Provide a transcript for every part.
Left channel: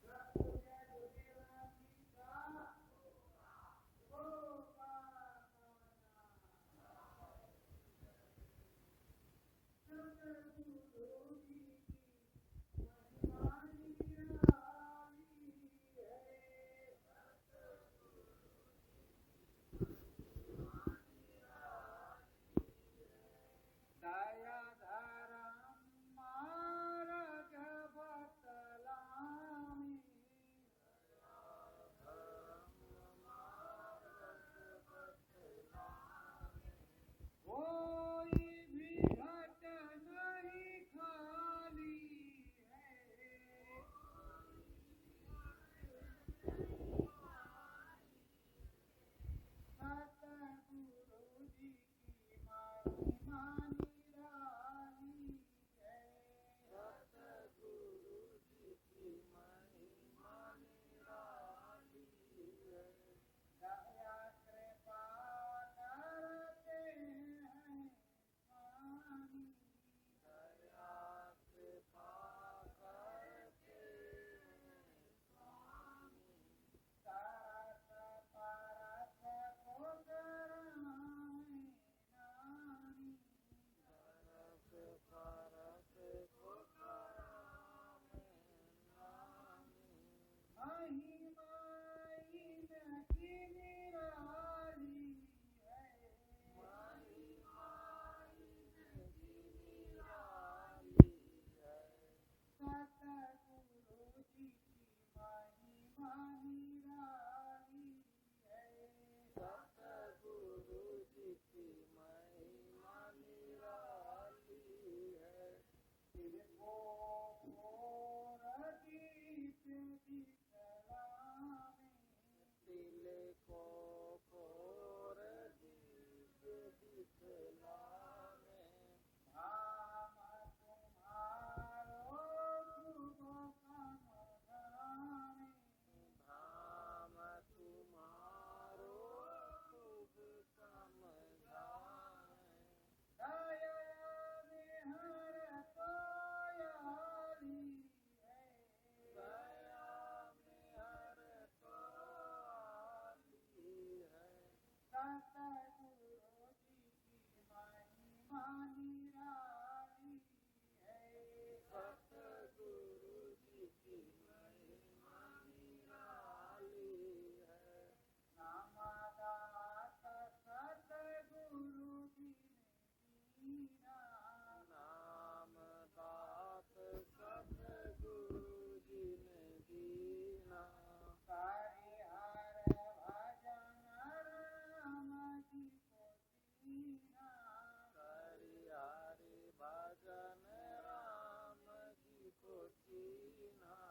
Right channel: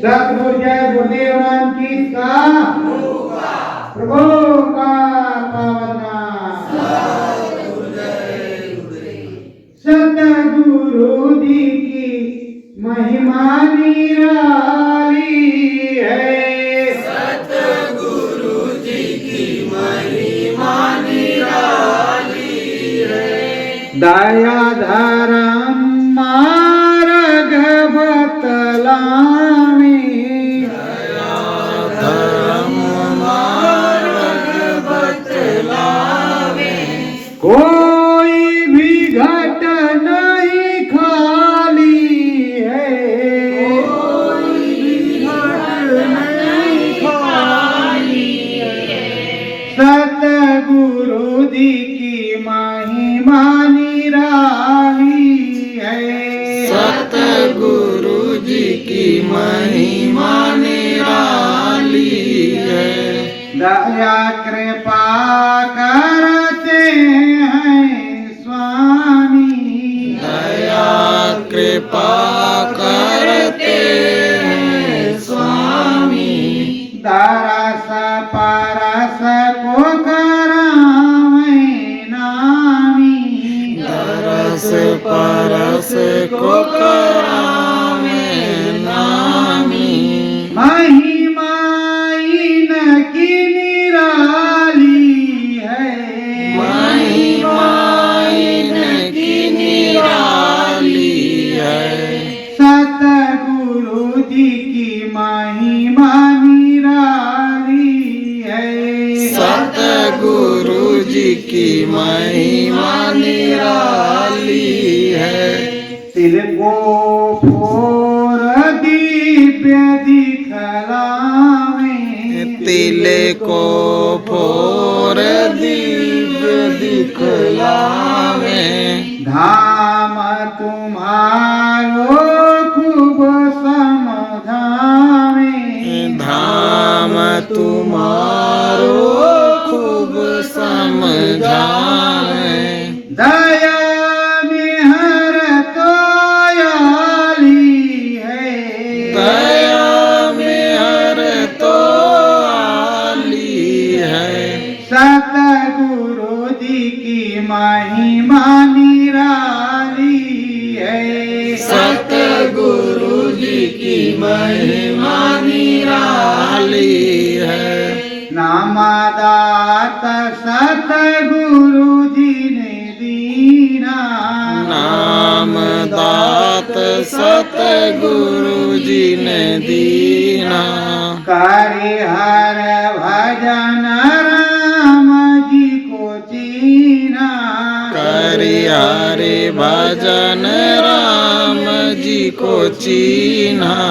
सतगुरु जय गुरुदेव नाम किसका प्रभु का पावन नाम। सतगुरु जी की महिमा निराली है। सतगुरु जी की महिमा निराली है। दया धर्म मार्ग बतलावे। दया धर्म मार्ग बतलावे। कोई भी घट नहीं खाली है। कोई भी घट नहीं खाली है। सतगुरु जी की महिमा निराली है। सतगुरु जी की महिमा निराली है। दया कृपा करते हैं स्वामी। दया कृपा करते हैं स्वामी। दरस परस को करावे नामी। दरस परस को करावे नामी। महिमा इनकी निराली है। महिमा इनकी निराली है। सतगुरु जी की महिमा निराली है। सतगुरु जी की महिमा निराली है। तिल को फोर दिव्य दिखलावे। तिल को फोर दिव्य दिखलावे। धाम तुम्हारो खूब समझावे। धाम तुम्हारो खूब समझावे। दया में हर तो आली है। दया में हर तो आली है। सतगुरु जी की महिमा निराली है। सतगुरु जी की महिमा निराली है। नामदात सतगुरु जी ने दीना। नाम दात सतगुरु जी ने दीना। करे हर भजन राम जी को चीना। करि हरि भजन राम जी को चीन्हा।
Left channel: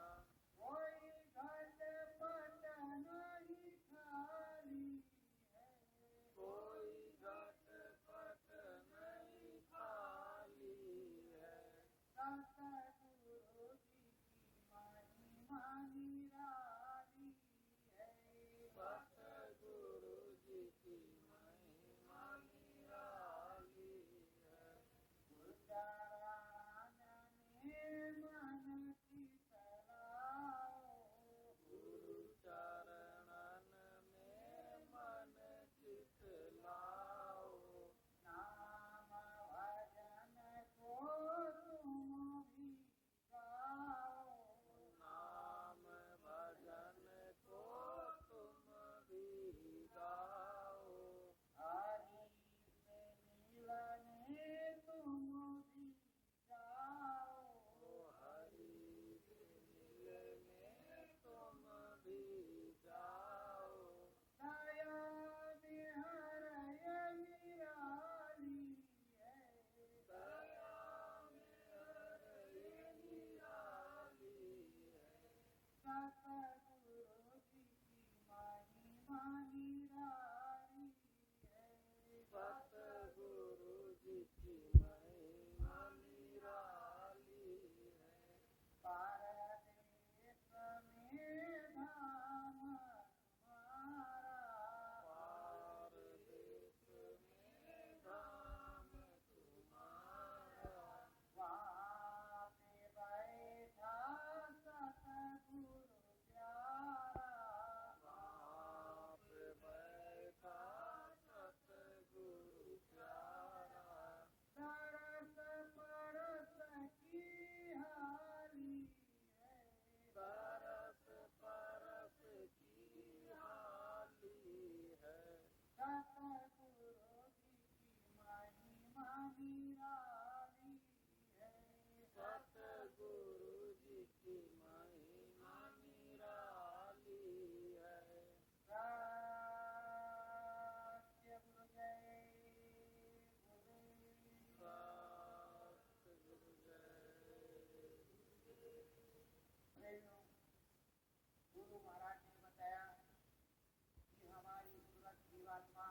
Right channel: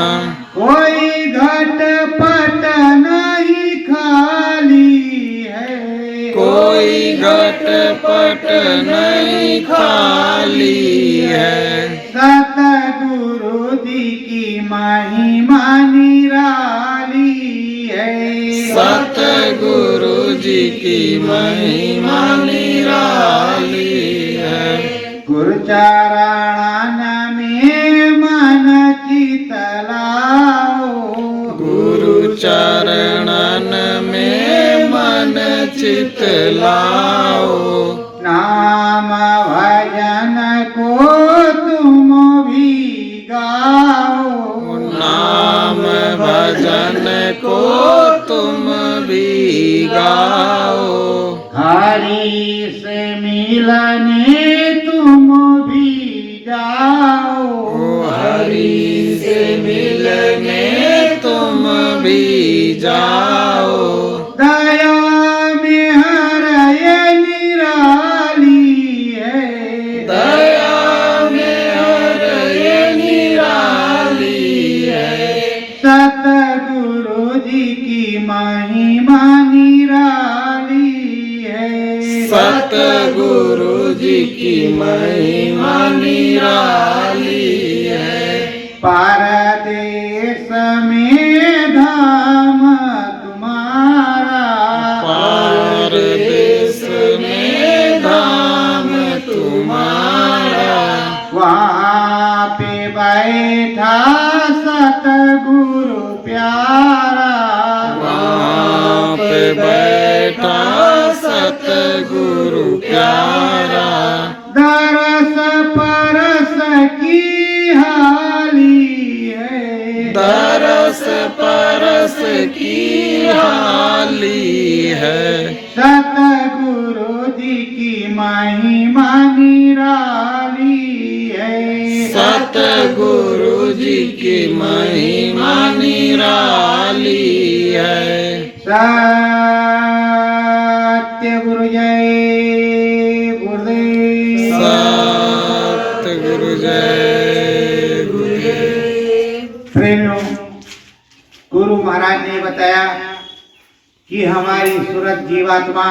कोई घट पट नहीं खाली है। कोई घट पट नहीं खाली है। सतगुरु जी की महिमा निराली है। सतगुरु जी की महिमा निराली है। गुरु चरण में मन चित लाओ। गुरु चरणन में मन चित लाओ। नाम भजन को तुम भी गाओ। नाम भजन को तुम भी गाओ। हरि से मिलने तुम भी जाओ। हरि से मिलने तुम भी जाओ। दया में हर ये निराली है। दया में हर ये निराली है। सतगुरु जी की महिमा निराली है। सतगुरु जी की महिमा निराली है। परदेश में धाम तुम्हारा। परदेश में धाम तुम्हारा। वहाँ पे बैठा सतगुरु दरस परस की हाली है। सतगुरु जी की महिमा निराली है। सतगुरु जी की महिमा निराली है। सत्य गुरु जय गुरुदेव। सतगुरु जय गुरुदेव। प्रेमियों, गुरु महाराज ने बताया कि हमारी सूरत जीवात्मा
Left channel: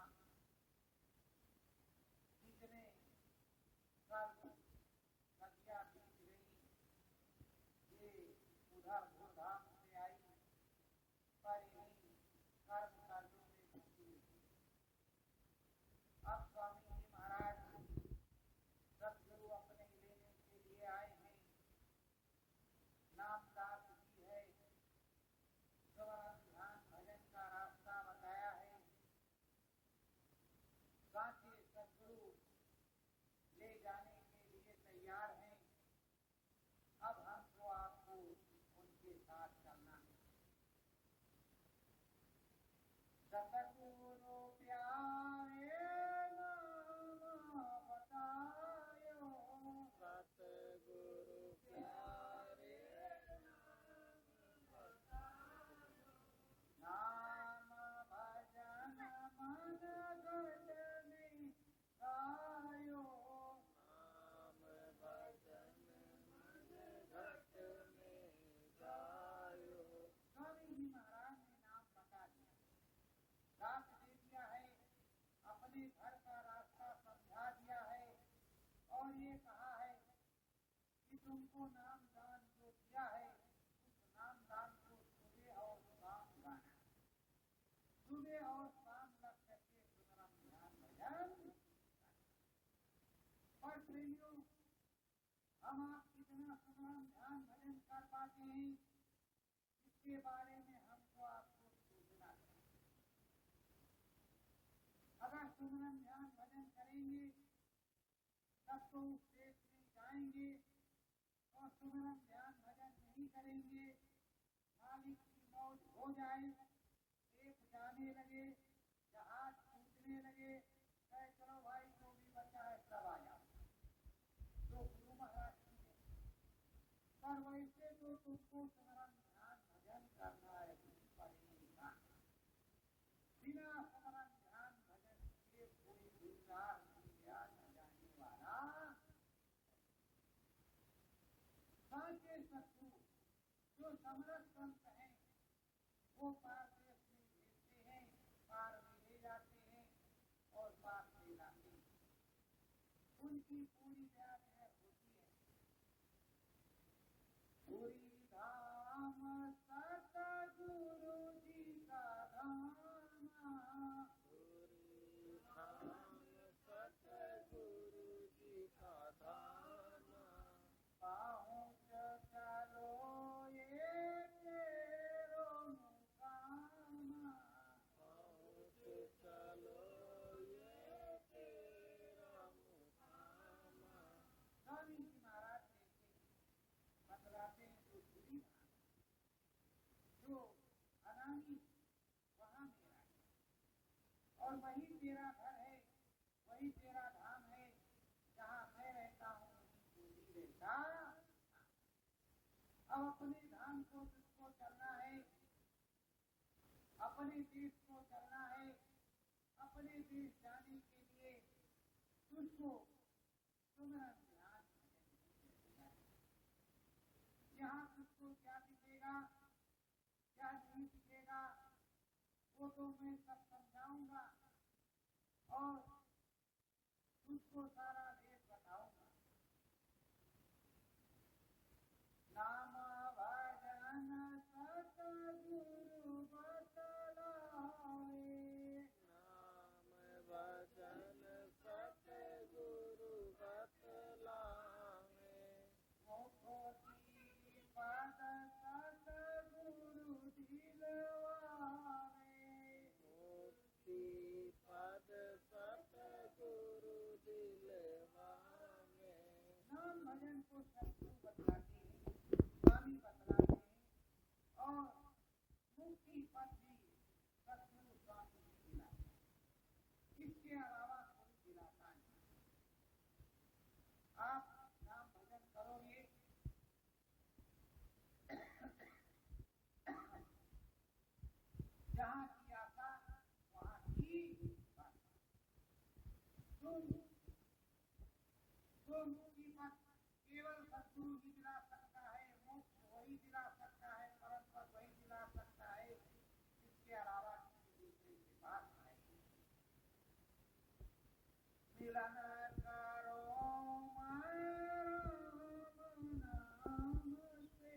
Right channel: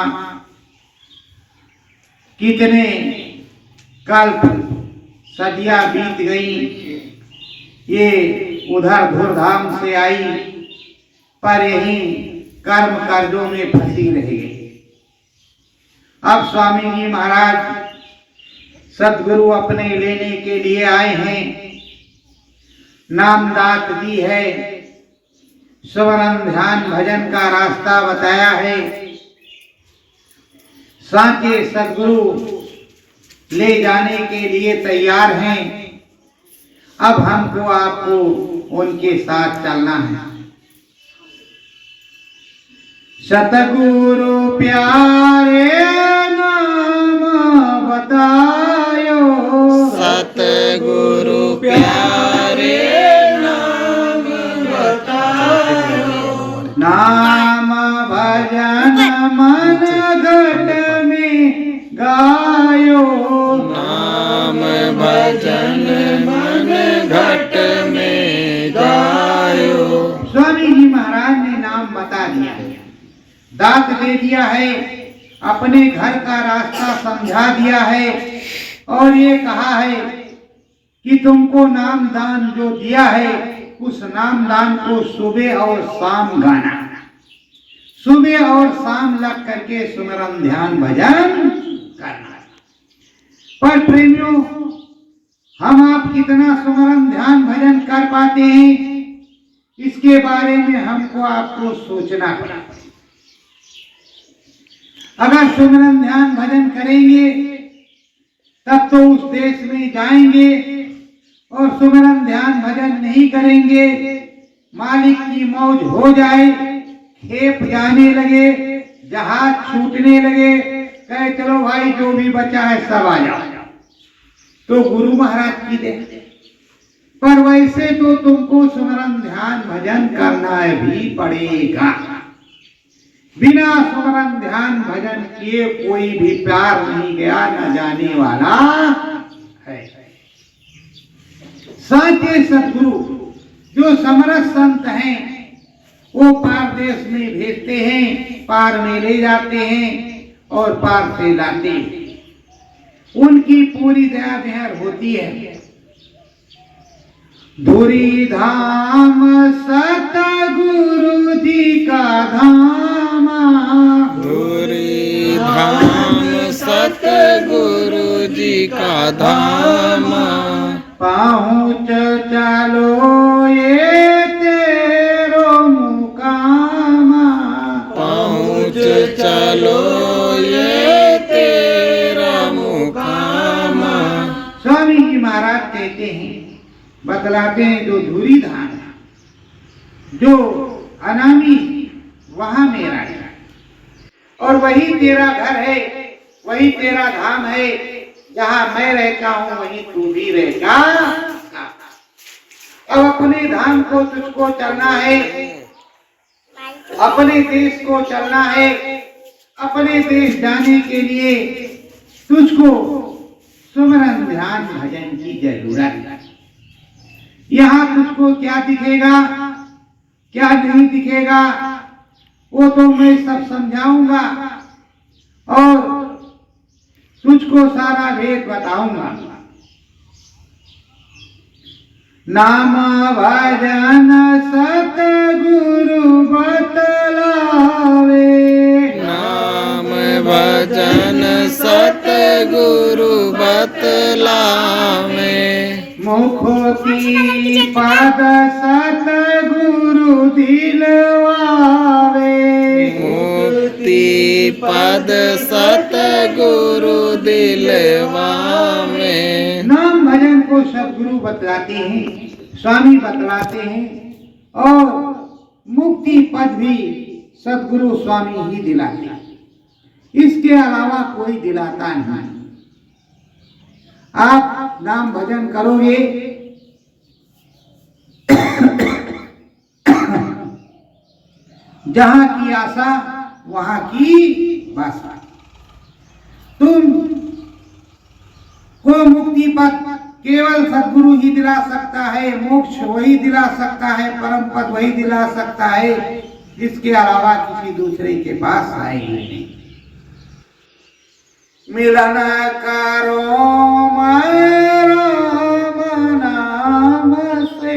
कितने कल्प सदियां बीत गई, ये उधर धूर्धाम से आई पर यही कर्म कर्जों में फंसी रह गई। अब स्वामी जी महाराज सदगुरु अपने लेने के लिए आए हैं, नाम दात दी है, स्मरण ध्यान भजन का रास्ता बताया है। साचे सदगुरु ले जाने के लिए तैयार हैं। अब हमको आपको उनके साथ चलना है। सतगुरु प्यारे नाम बतायो। सतगुरु प्यारे नाम बतायो। नाम भजन मन घट में गायो। नाम भजन मन घट में गायो। स्वामी जी महाराज ने नाम बता दिया, दात दे दिया है, अपने घर का रास्ता समझा दिया है और ये कहा है कि तुमको नाम दान जो दिया है उस नाम दान को सुबह और शाम गाना, सुबह और शाम लग करके सुमरन ध्यान भजन करना। पर प्रेमियों, हम आप कितना सुमरन ध्यान भजन कर पाते हैं, इसके बारे में हमको आपको सोचना पड़ा। अगर सुमरन ध्यान भजन करेंगे तब तो उस देश में जाएंगे, और सुमरन ध्यान भजन नहीं करेंगे, मालिक की मौज हो जाए, खेप जाने लगे, जहाज छूटने लगे, कहे चलो भाई जो भी बचा है सब आ जाओ, तो गुरु महाराज की दे। पर वैसे तो तुमको सुमरन ध्यान भजन करना भी पड़ेगा। बिना सुमरन ध्यान भजन किए कोई भी प्यार नहीं गया, न जाने वाला है। साचे सदगुरु जो समरस संत हैं वो पार देश में भेजते हैं, पार में ले जाते हैं और पार से लाते हैं। उनकी पूरी दया मेहर होती है। धुरी धाम सतगुरु जी का धाम। धुरी धाम सतगुरु जी का धाम। पहुँच चलो ये तेरो मुकाम। पहुँच चलो ये तेरा मुकाम। स्वामी जी महाराज कहते हैं, बतलाते हैं, जो धुरी धाम जो अनामी वहां मेरा है, और वही तेरा घर है, वही तेरा धाम है। जहां मैं रहता हूं वहीं तू भी रहेगा। अब अपने धाम को तुझको चलना है, अपने देश को चलना है। अपने देश जाने के लिए तुझको सुमरन ध्यान भजन की जरूरत है। यहाँ तुझको क्या दिखेगा, क्या नहीं दिखेगा, वो तो मैं सब समझाऊंगा और तुझको सारा भेद बताऊंगा। नाम भजन सतगुरु बतलावे। नाम भजन सतगुरु बतलावे। मुखोती पद सतगुरु दिलवावे। मुक्ति पद सतगुरु दिलवावे। नाम भजन को सदगुरु बतलाते हैं, स्वामी बतलाते हैं और मुक्ति पद भी सदगुरु स्वामी ही दिलाते हैं, इसके अलावा कोई दिलाता नहीं। आप नाम भजन करोगे जहां की आशा वहां की भाषा। तुम को मुक्ति पद केवल सदगुरु ही दिला सकता है, मोक्ष वही दिला सकता है, परम पद वही दिला सकता है, इसके अलावा किसी दूसरे के पास आएगी नहीं। मिलन करो राम नाम से,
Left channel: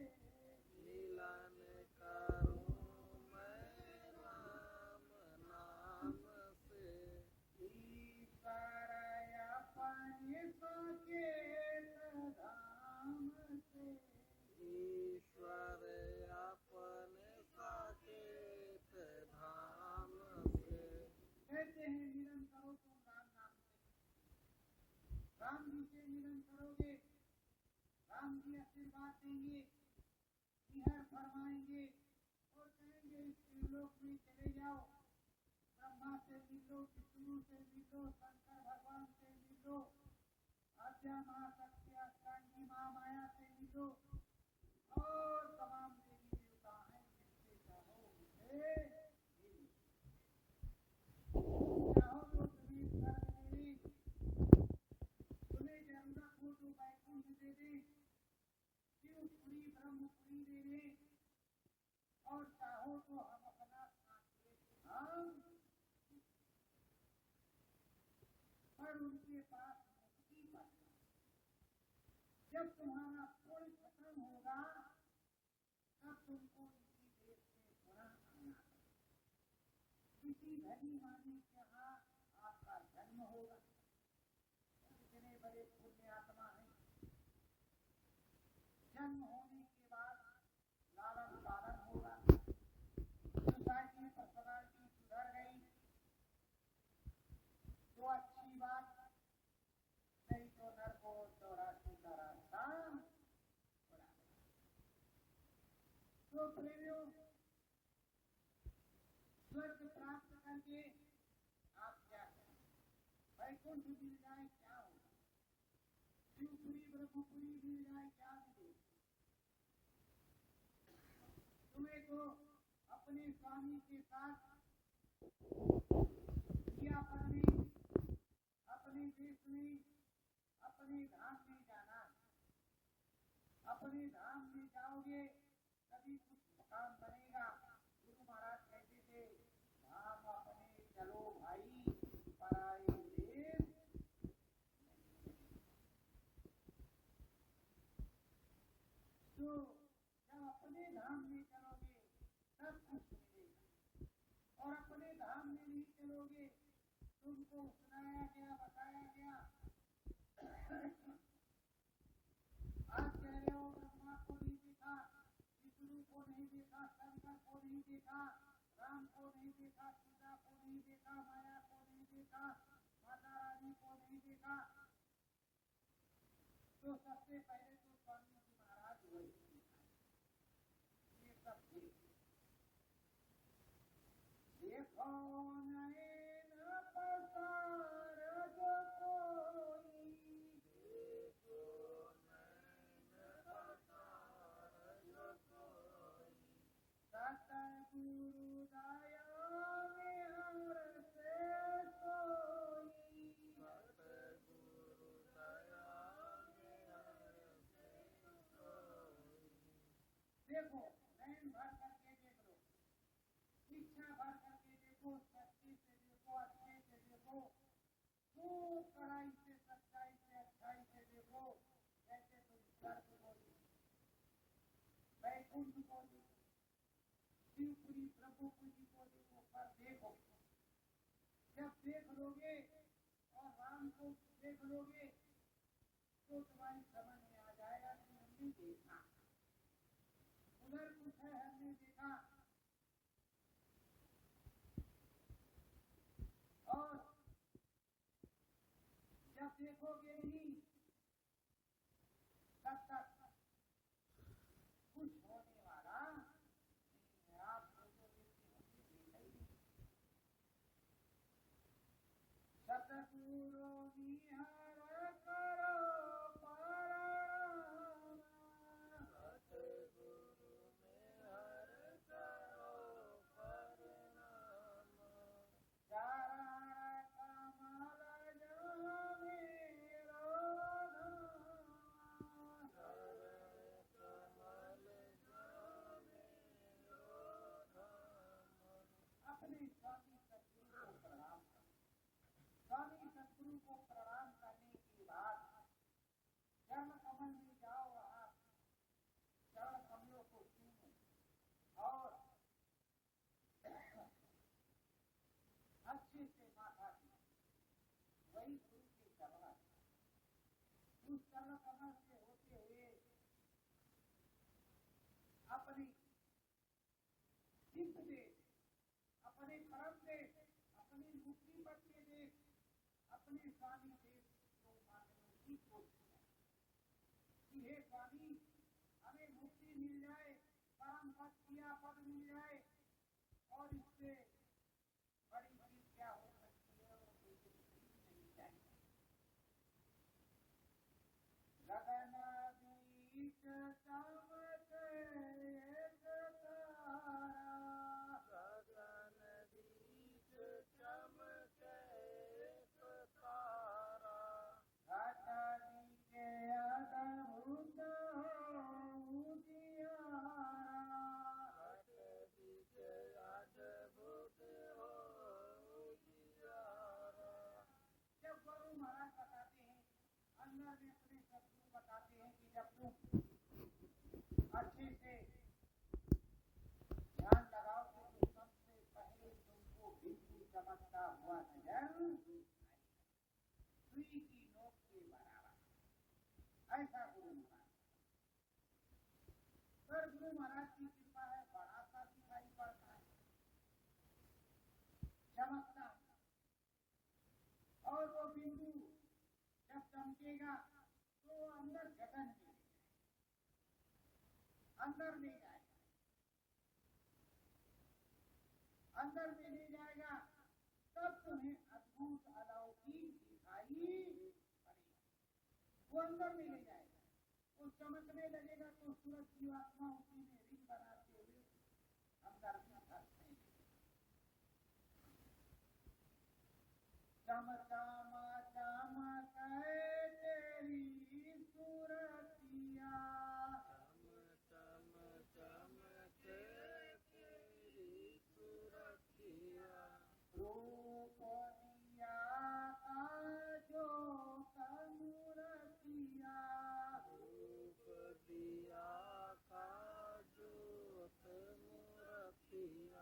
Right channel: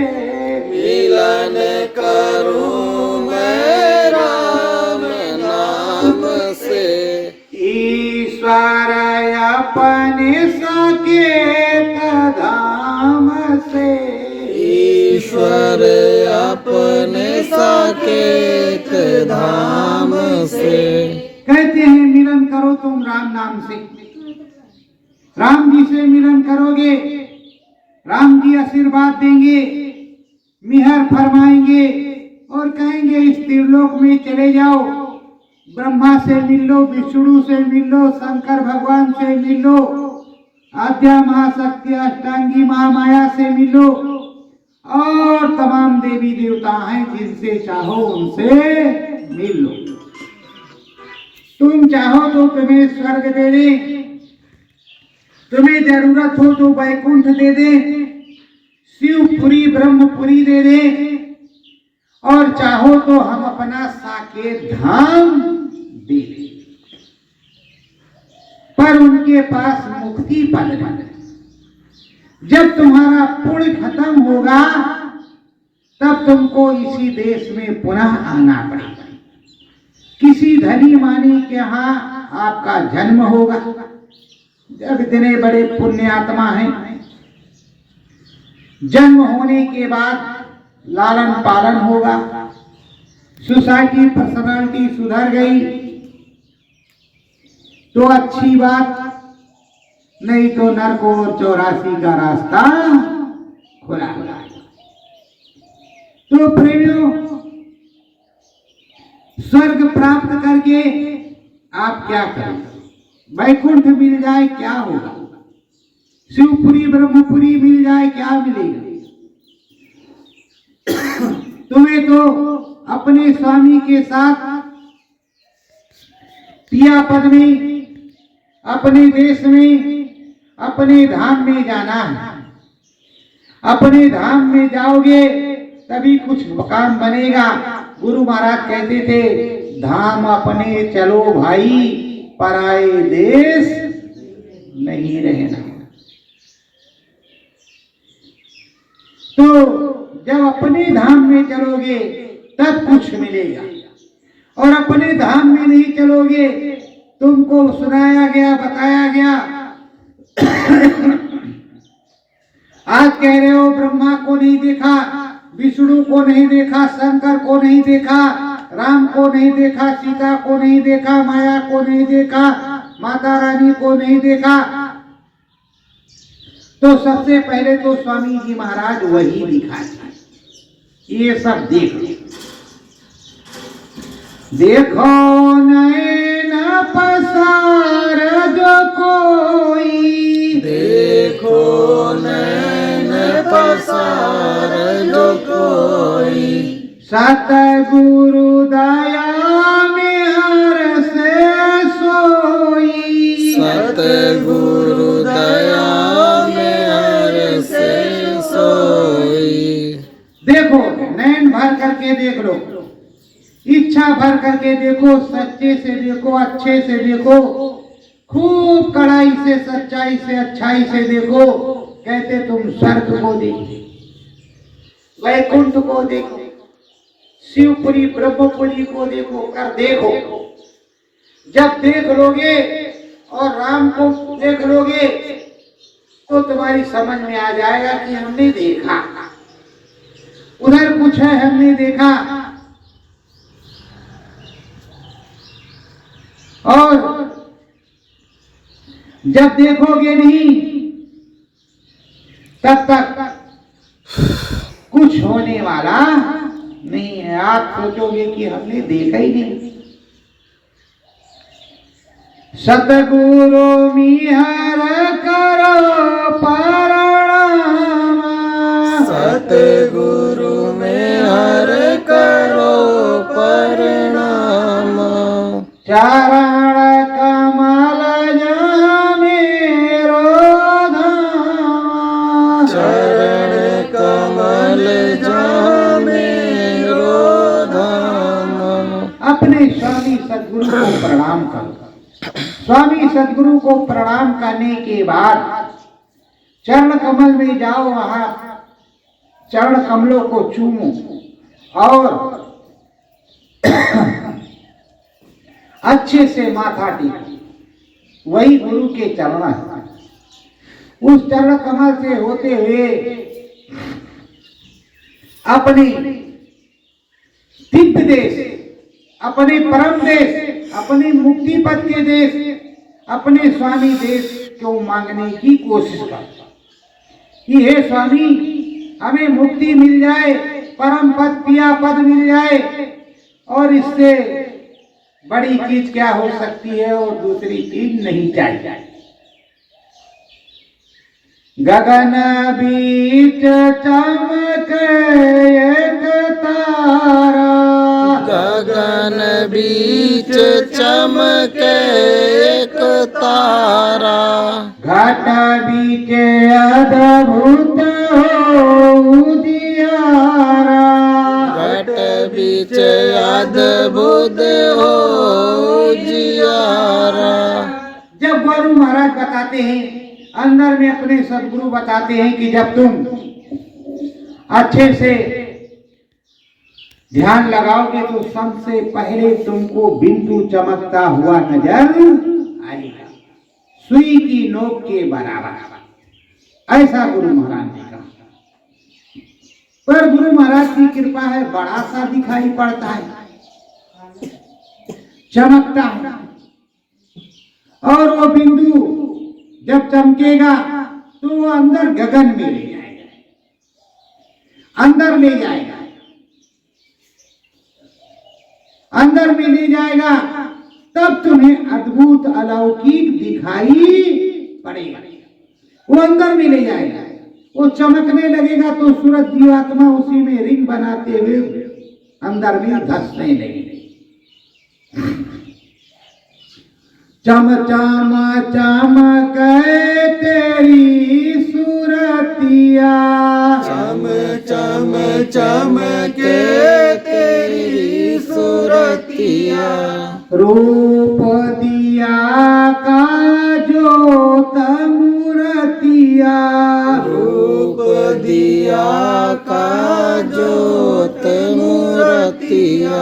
मिलन करूं मैं राम नाम से, ईश्वर अपने साकेत धाम से, ईश्वर अपने साकेत धाम से। कहते हैं मिलन करो तुम राम नाम से। राम जी से मिलन करोगे, राम जी आशीर्वाद देंगे, मिहर फरमाएंगे और कहेंगे इस त्रिलोक में चले जाओ, ब्रह्मा से मिल लो, विष्णु से मिल लो, शंकर भगवान से मिल लो, आद्या महाशक्ति अष्टांगी महामाया से मिल लो और तमाम देवी देवता हैं जिनसे चाहो उनसे मिल लो। तुम चाहो तो तुम्हें स्वर्ग दे दे, तुम्हें जरूरत हो तो वैकुंठ दे दे, शिवपुरी ब्रह्मपुरी दे दे, और चाहो तो हम अपना साकेत धाम दे दे, पर उनके पास मुक्ति पद नहीं। जब तुम्हारा पुण्य खत्म होगा तब तुमको इसी देश में पुनः आना पड़ेगा। किसी धनी मानी के यहाँ आपका जन्म होगा, जब इतने बड़े पुण्यात्मा हैं, जन्म होने के बाद लालन पालन होगा, सोसाइटी पर्सनालिटी सुधर गई तो अच्छी बात, नहीं तो नरक और 84 का रास्ता खुला हुआ। तो प्रेमियों, स्वर्ग प्राप्त करके आप क्या करें? वैकुंठ मिल जाए क्या होगा? शिवपुरी ब्रह्मपुरी मिल जाए क्या मिलेगा? तुम्हें तो अपने स्वामी के साथ पिया पद में, अपने देश में, अपने धाम में जाना है। अपने धाम में जाओगे तभी कुछ काम बनेगा। गुरु महाराज कहते थे, धाम अपने चलो भाई, पराए देश नहीं रहना। तो जब अपने धाम में चलोगे तब कुछ मिलेगा, और अपने धाम में नहीं चलोगे, तुमको सुनाया गया, बताया गया, आज कह रहे हो ब्रह्मा को नहीं देखा, विष्णु को नहीं देखा, शंकर को नहीं देखा, राम को नहीं देखा, सीता को नहीं देखा, माया को नहीं देखा, माता रानी को नहीं देखा, तो सबसे पहले तो स्वामी जी महाराज वही दिखाए। ये सब देखो, देखो नैन पसार जो कोई, देखो नैन पसार जो कोई, सतगुरु दया में हर से सोई, सतगुरु दया में हर से सोई। देखो, नैन भर करके देख लो, इच्छा भर करके देखो, सच्चे से देखो, अच्छे से देखो, खूब कड़ाई से, सच्चाई से, अच्छाई से देखो। कहते तुम स्वर्ग को देखो, वैकुंठ को देखो, शिवपुरी ब्रह्मपुरी को देखो, कर देखो। जब देख लोगे और राम को देख लोगे तो तुम्हारी समझ में आ जाएगा कि हमने देखा, उधर कुछ है हमने देखा। और जब देखोगे नहीं तब तक कुछ होने वाला नहीं है। आप सोचोगे कि हमने देखा ही नहीं। सतगुरु मिहर करो प्रणाम, सतगुरु में हर करो प्रणाम, चरण कमल मेरो धाम, चरण कमल मेरो धाम। अपने स्वामी सद्गुरु को प्रणाम करो। स्वामी सद्गुरु को प्रणाम करने के बाद चरण कमल में जाओ, वहां चरण कमलों को चूमो और अच्छे से माथा टेको। वही गुरु के चरण है। उस चरण कमल से होते हुए अपने दिव्य देश, अपने परम देश, अपने मुक्ति पद के देश, अपने स्वामी देश को मांगने की कोशिश कर कि हे स्वामी, हमें मुक्ति मिल जाए, परम पद पिया पद मिल जाए, और इससे बड़ी चीज क्या हो सकती है और दूसरी चीज नहीं चाहिए। गगन बीच चमक एक तारा, गगन बीच चमके एक तारा, घट बीच अद्भुत हो उजियारा, घट बीच अद्भुत हो जियारा। जब गुरु महाराज बताते हैं, अंदर में अपने सदगुरु बताते हैं कि जब तुम अच्छे से ध्यान लगाओगे तो सबसे पहले तुमको बिंदु चमकता हुआ नजर आएगा, सुई की नोक के बराबर। ऐसा गुरु महाराज ने कहा। पर गुरु महाराज की कृपा है, बड़ा सा दिखाई पड़ता है, चमकता है, और वो बिंदु जब चमकेगा तो वो अंदर गगन में ले जाएगा, अंदर ले जाएगा, अंदर में ले जाएगा। तब तुम्हें अद्भुत अलौकिक दिखाई पड़ेगा। वो अंदर में ले जाएगा, वो चमकने लगेगा तो सूरज जीवात्मा उसी में रिंग बनाते हुए अंदर में धंसने लगेगी। चम चम चमक तेरी सूरतिया, चम चम चमके तेरी सूरतिया, रूप दिया का ज्योत मूर्तिया, रूप दिया का ज्योत मूर्तिया।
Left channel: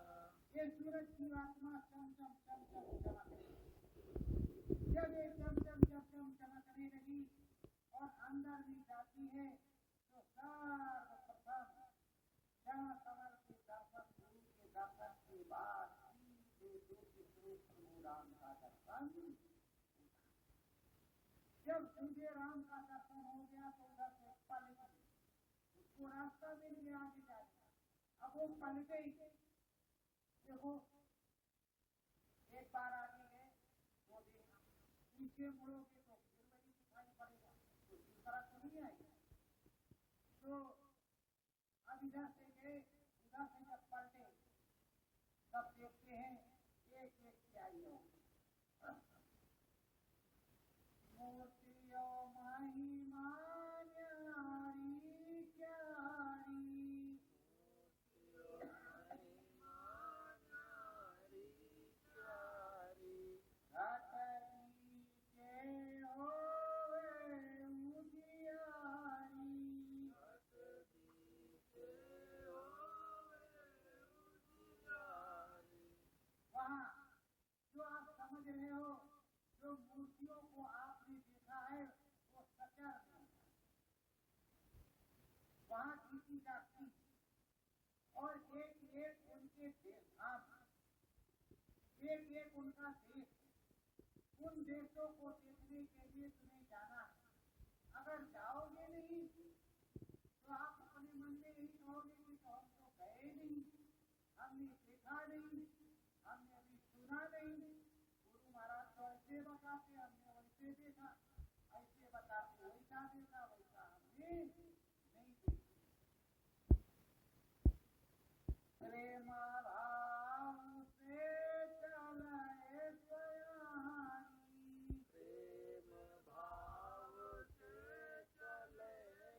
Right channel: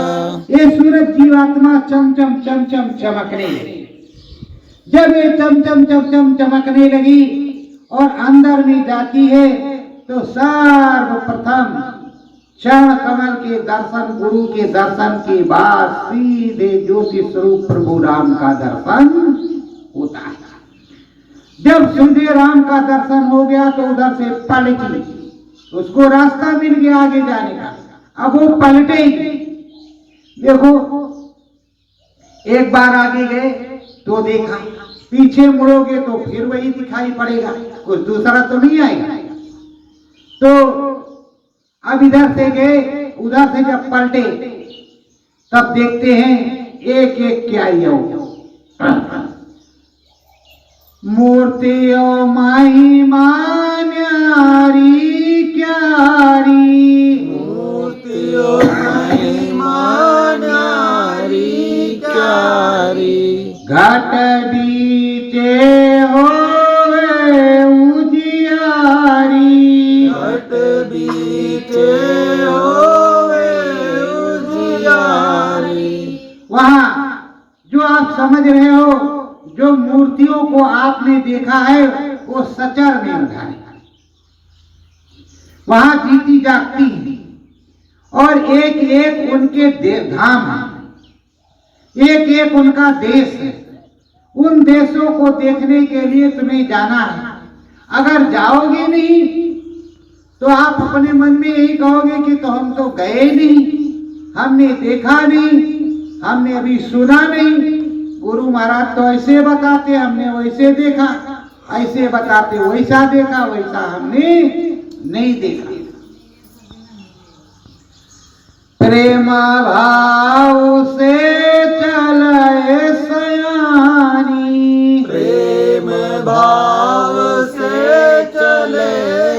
ये सूरज जीवात्मा चम चम चम चम चमकने लगी। जब ये चम चम चम चम चमकने लगी और अंदर में जाती है तो सर्वप्रथम चरण कमल के दर्शन, गुरु के दर्शन के बाद सीधे ज्योति स्वरूप प्रभु राम का दर्शन होता है। जब सीधे राम का दर्शन हो गया तो उधर से पलटी, उसको रास्ता मिल गया आगे जाने का। अब वो पलटेगी। देखो, एक बार आगे गए तो देखा, पीछे मुड़ोगे तो फिर वही दिखाई पड़ेगा, कुछ दूसरा तो नहीं आएगा। तो अब इधर से गए, उधर से जब पलटे तब देखते हैं एक एक क्या ही हो। मूर्तियों महिमा न्यारी क्यारी, मूर्तियों महिमा न्यारी क्यारी, घट बीचे होवे उजियारी, घट बीचे होवे उजियारी। वहां जो आप समझ रहे हो, जो मूर्तियों को आपने देखा है वो सचर में उठाए, वहां जीती जागती है, और एक एक उनके धाम है, एक एक उनका देश है। उन देशों को देखने के लिए तुम्हें जाना है। अगर जाओगे नहीं तो आप अपने मन में यही कहोगे कि तो हम तो गए नहीं, हमने देखा नहीं, हमने अभी सुना नहीं। गुरु महाराज तो ऐसे बताते हमने वैसे देखा, ऐसे बताते वैसा देखा, वैसा हमने नहीं देखा। प्रेम भाव से चले सयानी, प्रेम भाव से चले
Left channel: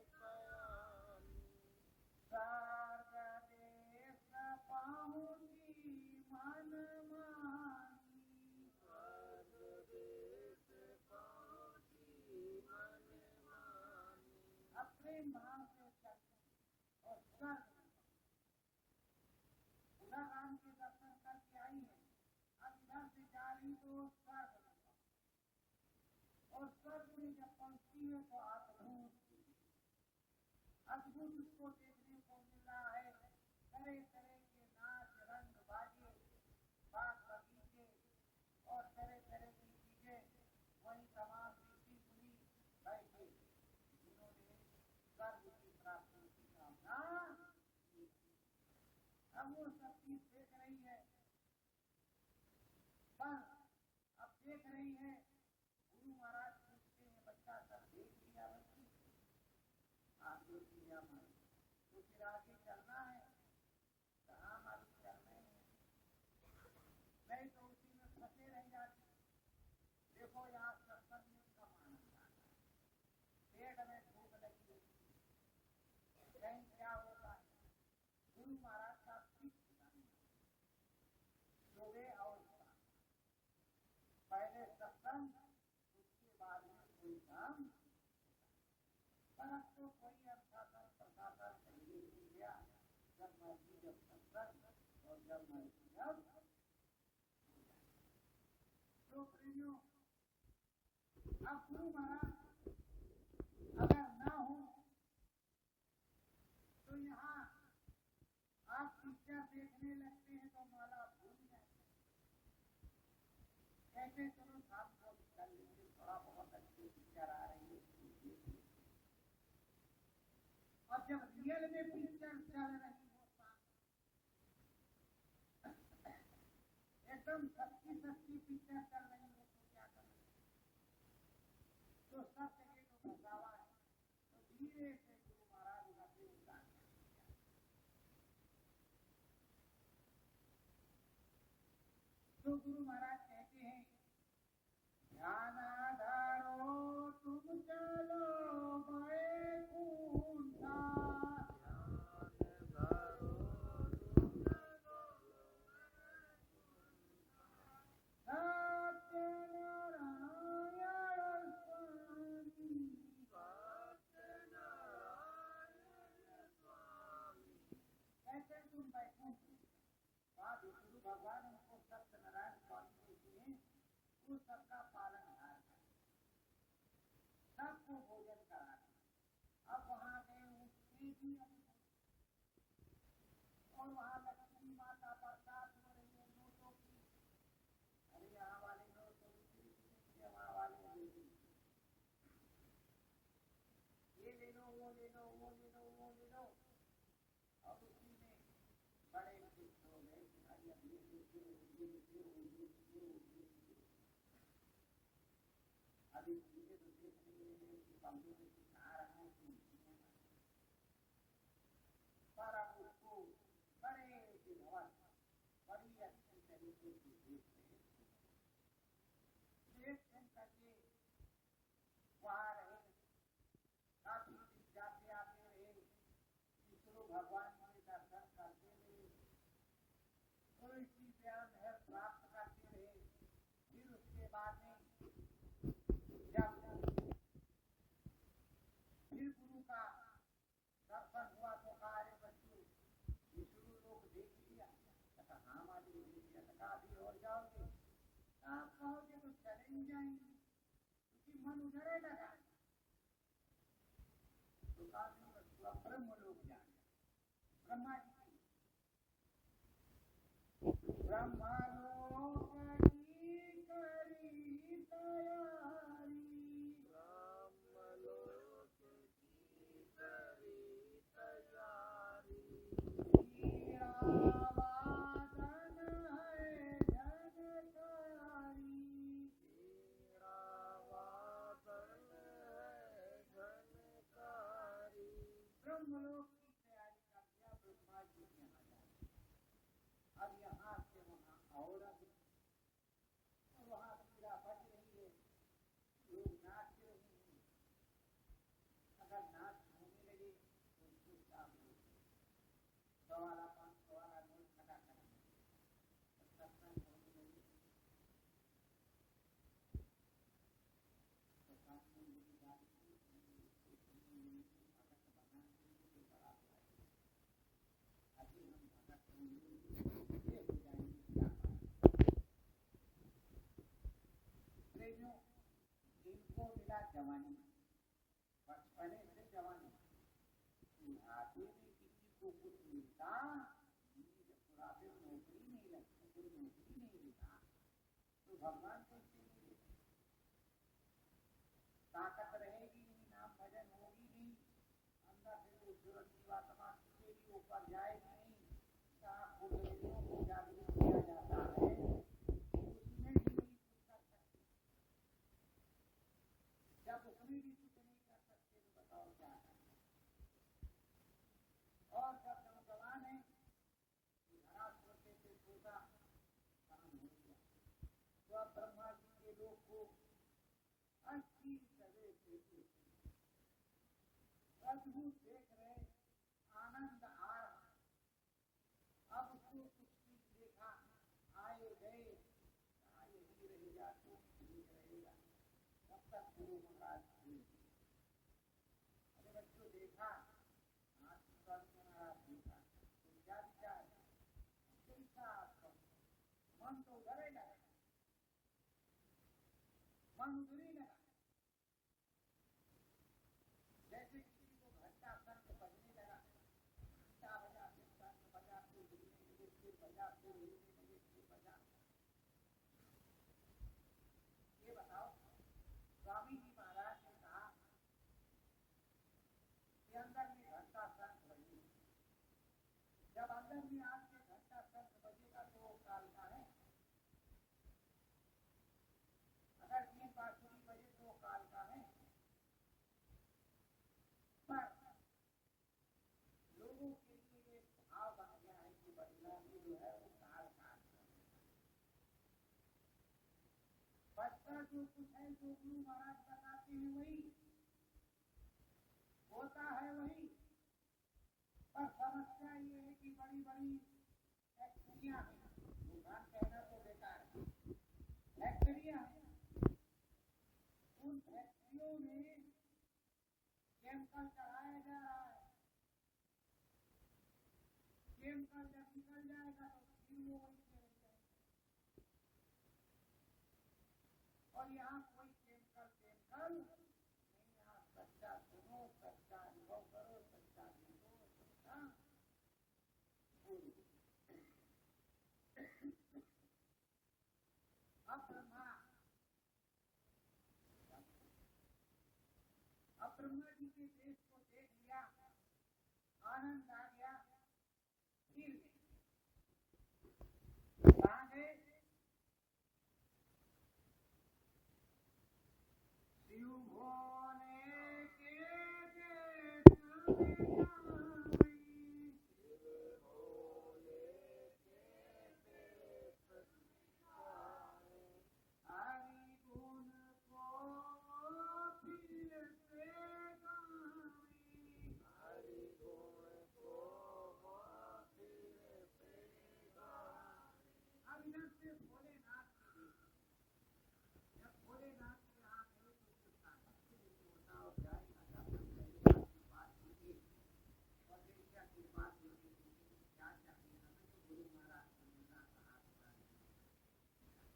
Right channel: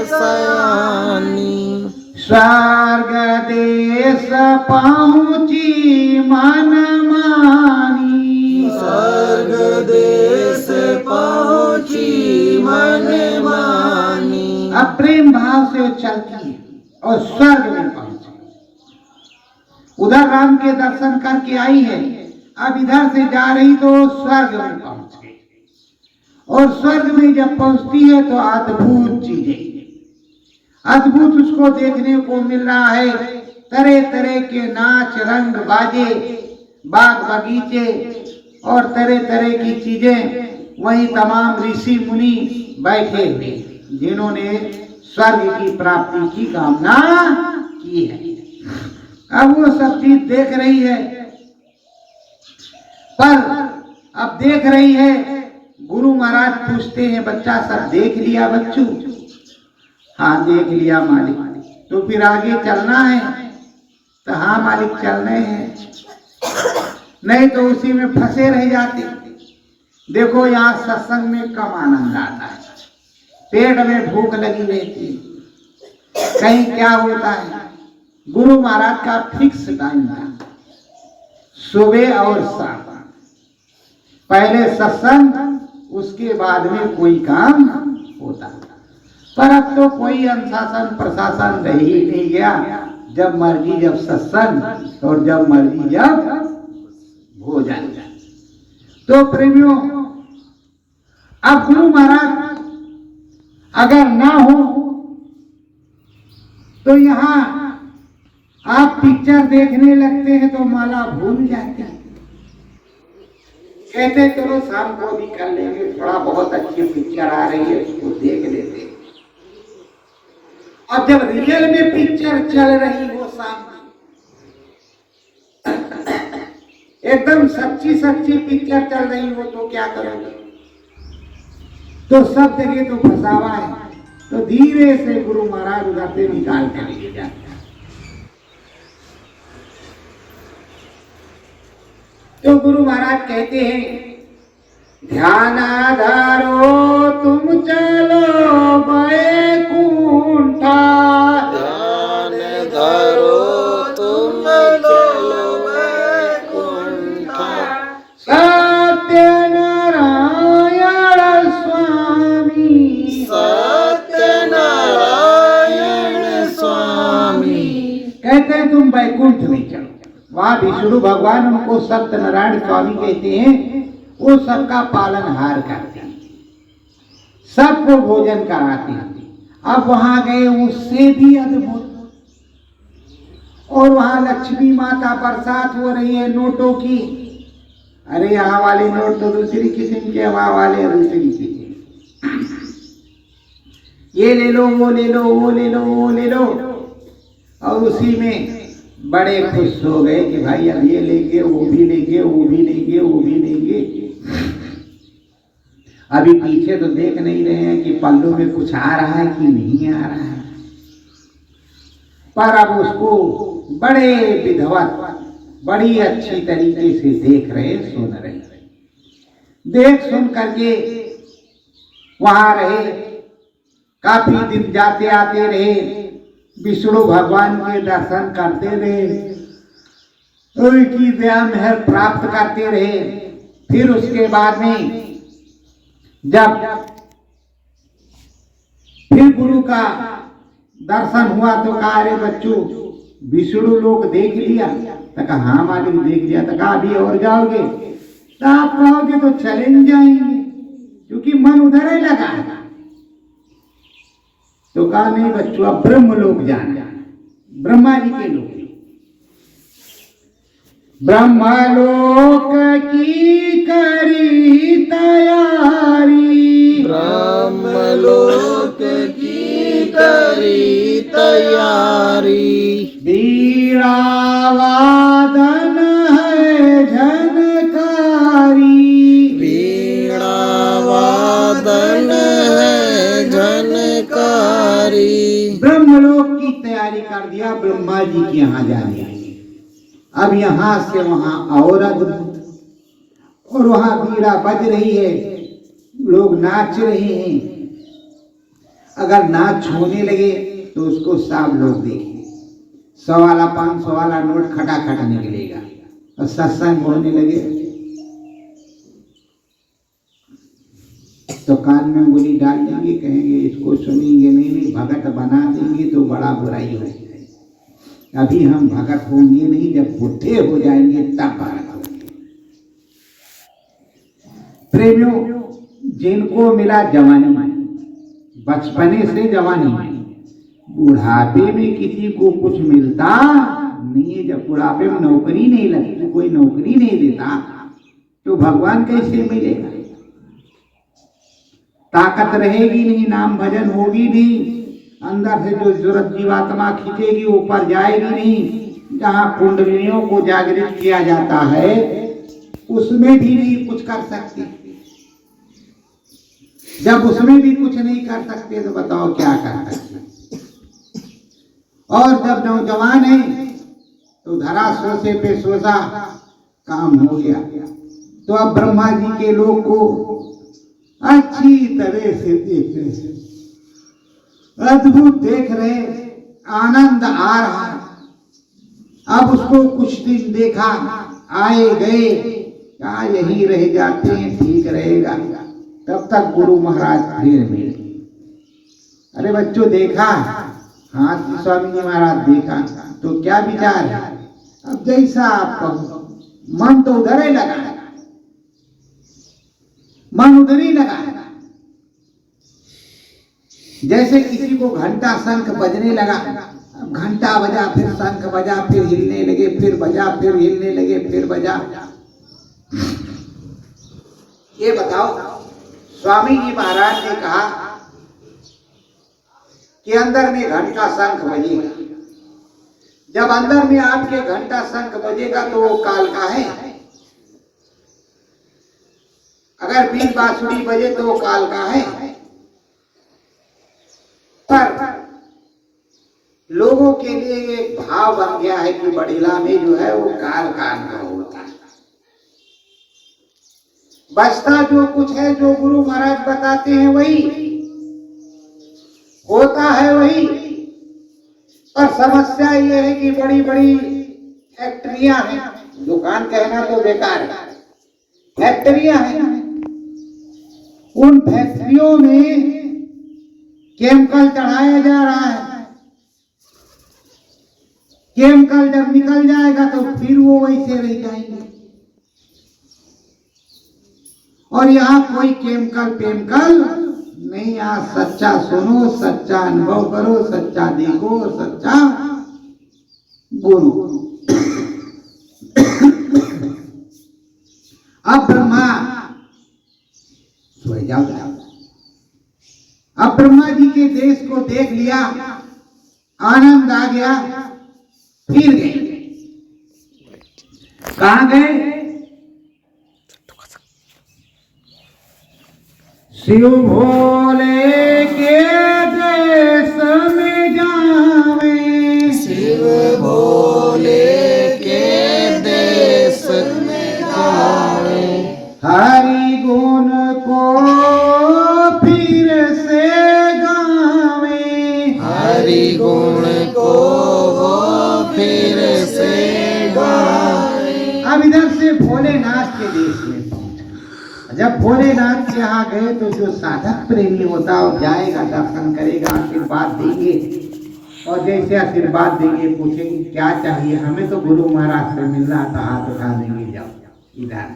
सयानी, स्वर्ग देश पहुँची मन मानी, स्वर्ग देश पहुँची मन मानी। अब प्रेम भाव से चलती है और स्वर्ग में पहुंची। उधर राम के दर्शन करके आई है, अब इधर से जा रही तो स्वर्ग में पहुंच गई। और स्वर्ग में जब पहुंचती है तो अद्भुत चीजें, अद्भुत उसको देखने को मिल रहा है। तरह तरह के नाच रंग बाजे, बाग बगीचे और तरह तरह की चीजें। वहीं तमाम ऋषि मुनि बैठे हुए जिन्होंने स्वर्ग की प्राप्ति की कामना की है। अब वो सब चीज देख रही है, पर अब देख रही है। गुरु महाराज पूछते हैं, बच्चा सब देख लिया बच्चों? हाँ देख लिया मालिक। तो फिर आगे चलना है? तो हाँ मालिक चलने हैं, नहीं तो उसी में फंसे रह जाते। देखो यहाँ सत्संग में कम आनंद आता है, पेट में भूख लगी रहती है। कहीं क्या होता है, गुरु महाराज का फिक्स टाइम था, सुबह और शाम। पहले सत्संग, उसके बाद में कोई काम होता। पर अब तो कोई अनुशासन प्रशासन रह ही नहीं गया। जब मर्जी जब सत्संग और जब मर्जी जब भोजन। तो प्रेमियों, अब गुरु महाराज अगर ना हो तो यहाँ आप पिक्चर देखने लगते हैं तो माला भूल जाते हैं। कहते चलो शाम को भी कर लेंगे, थोड़ा बहुत अच्छी पिक्चर आ रही है उसको देख लेते हैं। और जब रियल में पिक्चर चल रही हो सामने, एकदम सच्ची सच्ची पिक्चर चल रही हो तो क्या करोगे? तो सब जगह तो फंसावा है। तो धीरे से गुरु महाराज उधर से निकाल कर ले जाते हैं। तो गुरु महाराज कहते हैं, ध्यान धरो तुम चलो बैकुंठा, ध्यान धरो तुम चलो बैकुंठा, सत्य नारायण स्वामी, सत्य नारायण स्वामी। कहते हैं तुम बैकुंठ में चलो। वहां विष्णु भगवान उनको सत्यनारायण स्वामी कहते हैं। वो सबका पालनहार करते हैं, सबको भोजन कराते हैं। अब वहां गए, उससे भी अद्भुत। और वहां लक्ष्मी माता बरसात हो रही है नोटों की। अरे यहाँ वाले नोट तो दूसरी किस्म के, वहां वाले दूसरी किस्म। ये ले लो, वो ले लो, वो ले लो, वो ले लो। और उसी में बड़े खुश हो गए कि भाई अब ये लेंगे, वो भी लेंगे, वो भी लेंगे, वो भी लेंगे। अभी पीछे तो देख नहीं रहे हैं कि पल्लू में कुछ आ रहा है कि नहीं आ रहा है। पर अब उसको बड़े विधवत, बड़ी अच्छी तरीके से देख रहे, सुन रहे। देख सुन करके वहां रहे, काफी दिन जाते आते रहे, विष्णु भगवान के दर्शन करते रहे, उनकी दया मेहर प्राप्त करते रहे। फिर उसके बाद में जब फिर गुरु का दर्शन हुआ तो कहा, अरे बच्चों विष्णु लोग देख लिया? तो कहा हाँ मालिक देख लिया। तो कहा अभी और जाओगे? तो आप कहोगे तो चले जाएंगे, क्योंकि मन उधर ही लगा है। तो कहा नहीं बच्चों, अब ब्रह्म लोग जाना, ब्रह्मा जी के लोग। ब्रह्मलोक की करी तैयारी, ब्रह्मलोक की करी तैयारी। वीणा वादन है झनकारी, वीणा वादन है झनकारी। ब्रह्मलोक की तैयारी कर दिया, ब्रह्मा जी के यहाँ जाने। अब यहाँ से वहाँ और अद्भुत, और वहाँ वीणा बज रही है, लोग नाच रहे हैं। अगर नाच होने लगे तो उसको सब लोग देखें। 100 वाला 500 वाला नोट खटाखट निकलेगा। और सत्संग होने लगे तो कान में उंगली डाल देंगे, कहेंगे इसको सुनेंगे नहीं, भगत बना देंगे तो बड़ा बुराई हो जाएगी। अभी हम भगत होंगे नहीं, जब बुढ़े हो जाएंगे तब भगत होंगे। प्रेमियों, जिनको मिला जवानी, बचपने से जवानी, बुढ़ापे में किसी को कुछ मिलता नहीं है। जब बुढ़ापे में नौकरी नहीं लगती, कोई नौकरी नहीं देता, तो भगवान कैसे मिलेगा? ताकत रहेगी नहीं, नाम भजन होगी नहीं, अंदर से जो जरूरत जीवात्मा खींचेगी ऊपर जाएगी नहीं। जहाँ कुंडलियों को जागृत किया जाता है उसमें भी नहीं कुछ कर सकते। जब उसमें भी कुछ नहीं कर सकते तो बताओ क्या कर सकते? और जब नौजवान है तो धरा सोचे पे सोचा काम हो गया। तो अब ब्रह्मा जी के लोग को अच्छी तरह से देख रहे, अद्भुत देख रहे, आनंद आ रहा। अब उसको कुछ दिन देखा, आए गए, क्या यही रह जाते हैं ठीक रहेगा। तब तक गुरु महाराज फिर मिले। अरे बच्चों देखा? हाँ स्वामी जी महाराज देखा। तो क्या विचार है? अब जैसा आप कहो। मन तो उधर ही लगा, मन उधर ही लगा। जैसे किसी को घंटा शंख बजने लगा, अब घंटा बजा, फिर शंख बजा, फिर हिलने लगे, फिर बजा, फिर हिलने लगे, फिर बजा। ये बताओ, स्वामी जी महाराज ने कहा कि अंदर में घंटा शंख बजेगा। जब अंदर में आपके घंटा शंख बजेगा तो वो काल का है। अगर बीच बांसुरी बजे तो वो काल का है। पर लोगों के लिए एक भाव बन गया है कि बड़ीला में जो है वो काल का अनुभव होता है। बचता जो कुछ है, जो गुरु महाराज बताते हैं वही होता है, वही। पर समस्या ये है कि बड़ी बड़ी फैक्ट्रियां हैं, दुकान कहना तो बेकार है, फैक्ट्रियां हैं। उन फैक्ट्रियों में केमिकल चढ़ाया जा रहा है। केमिकल जब निकल जाएगा तो फिर वो वैसे रह जाएंगे। और यहाँ कोई केमिकल नहीं। यहाँ सच्चा सुनो, सच्चा अनुभव करो, सच्चा देखो, सच्चा बोलो। अब ब्रह्मा सो जाओ। अब ब्रह्मा जी के देश को देख लिया, आनंद आ गया, फिर गए। कहाँ गए? शिव भोले के देश में जावे, शिव भोले के देश में जावे। हरि गुण को फिर से गावे, हरि गुण को वो फिर से गावे। अब इधर से भोलेनाथ के देश में पहुंचा। जब भोलेनाथ के यहाँ गए तो जो साधक प्रेमी होता है जाएगा, दर्शन करेगा, आशीर्वाद देंगे। और जैसे आशीर्वाद देंगे पूछेंगे क्या चाहिए? हमें तो गुरु महाराज से मिलना था, हाथ उठा देंगे, जाओ इधर।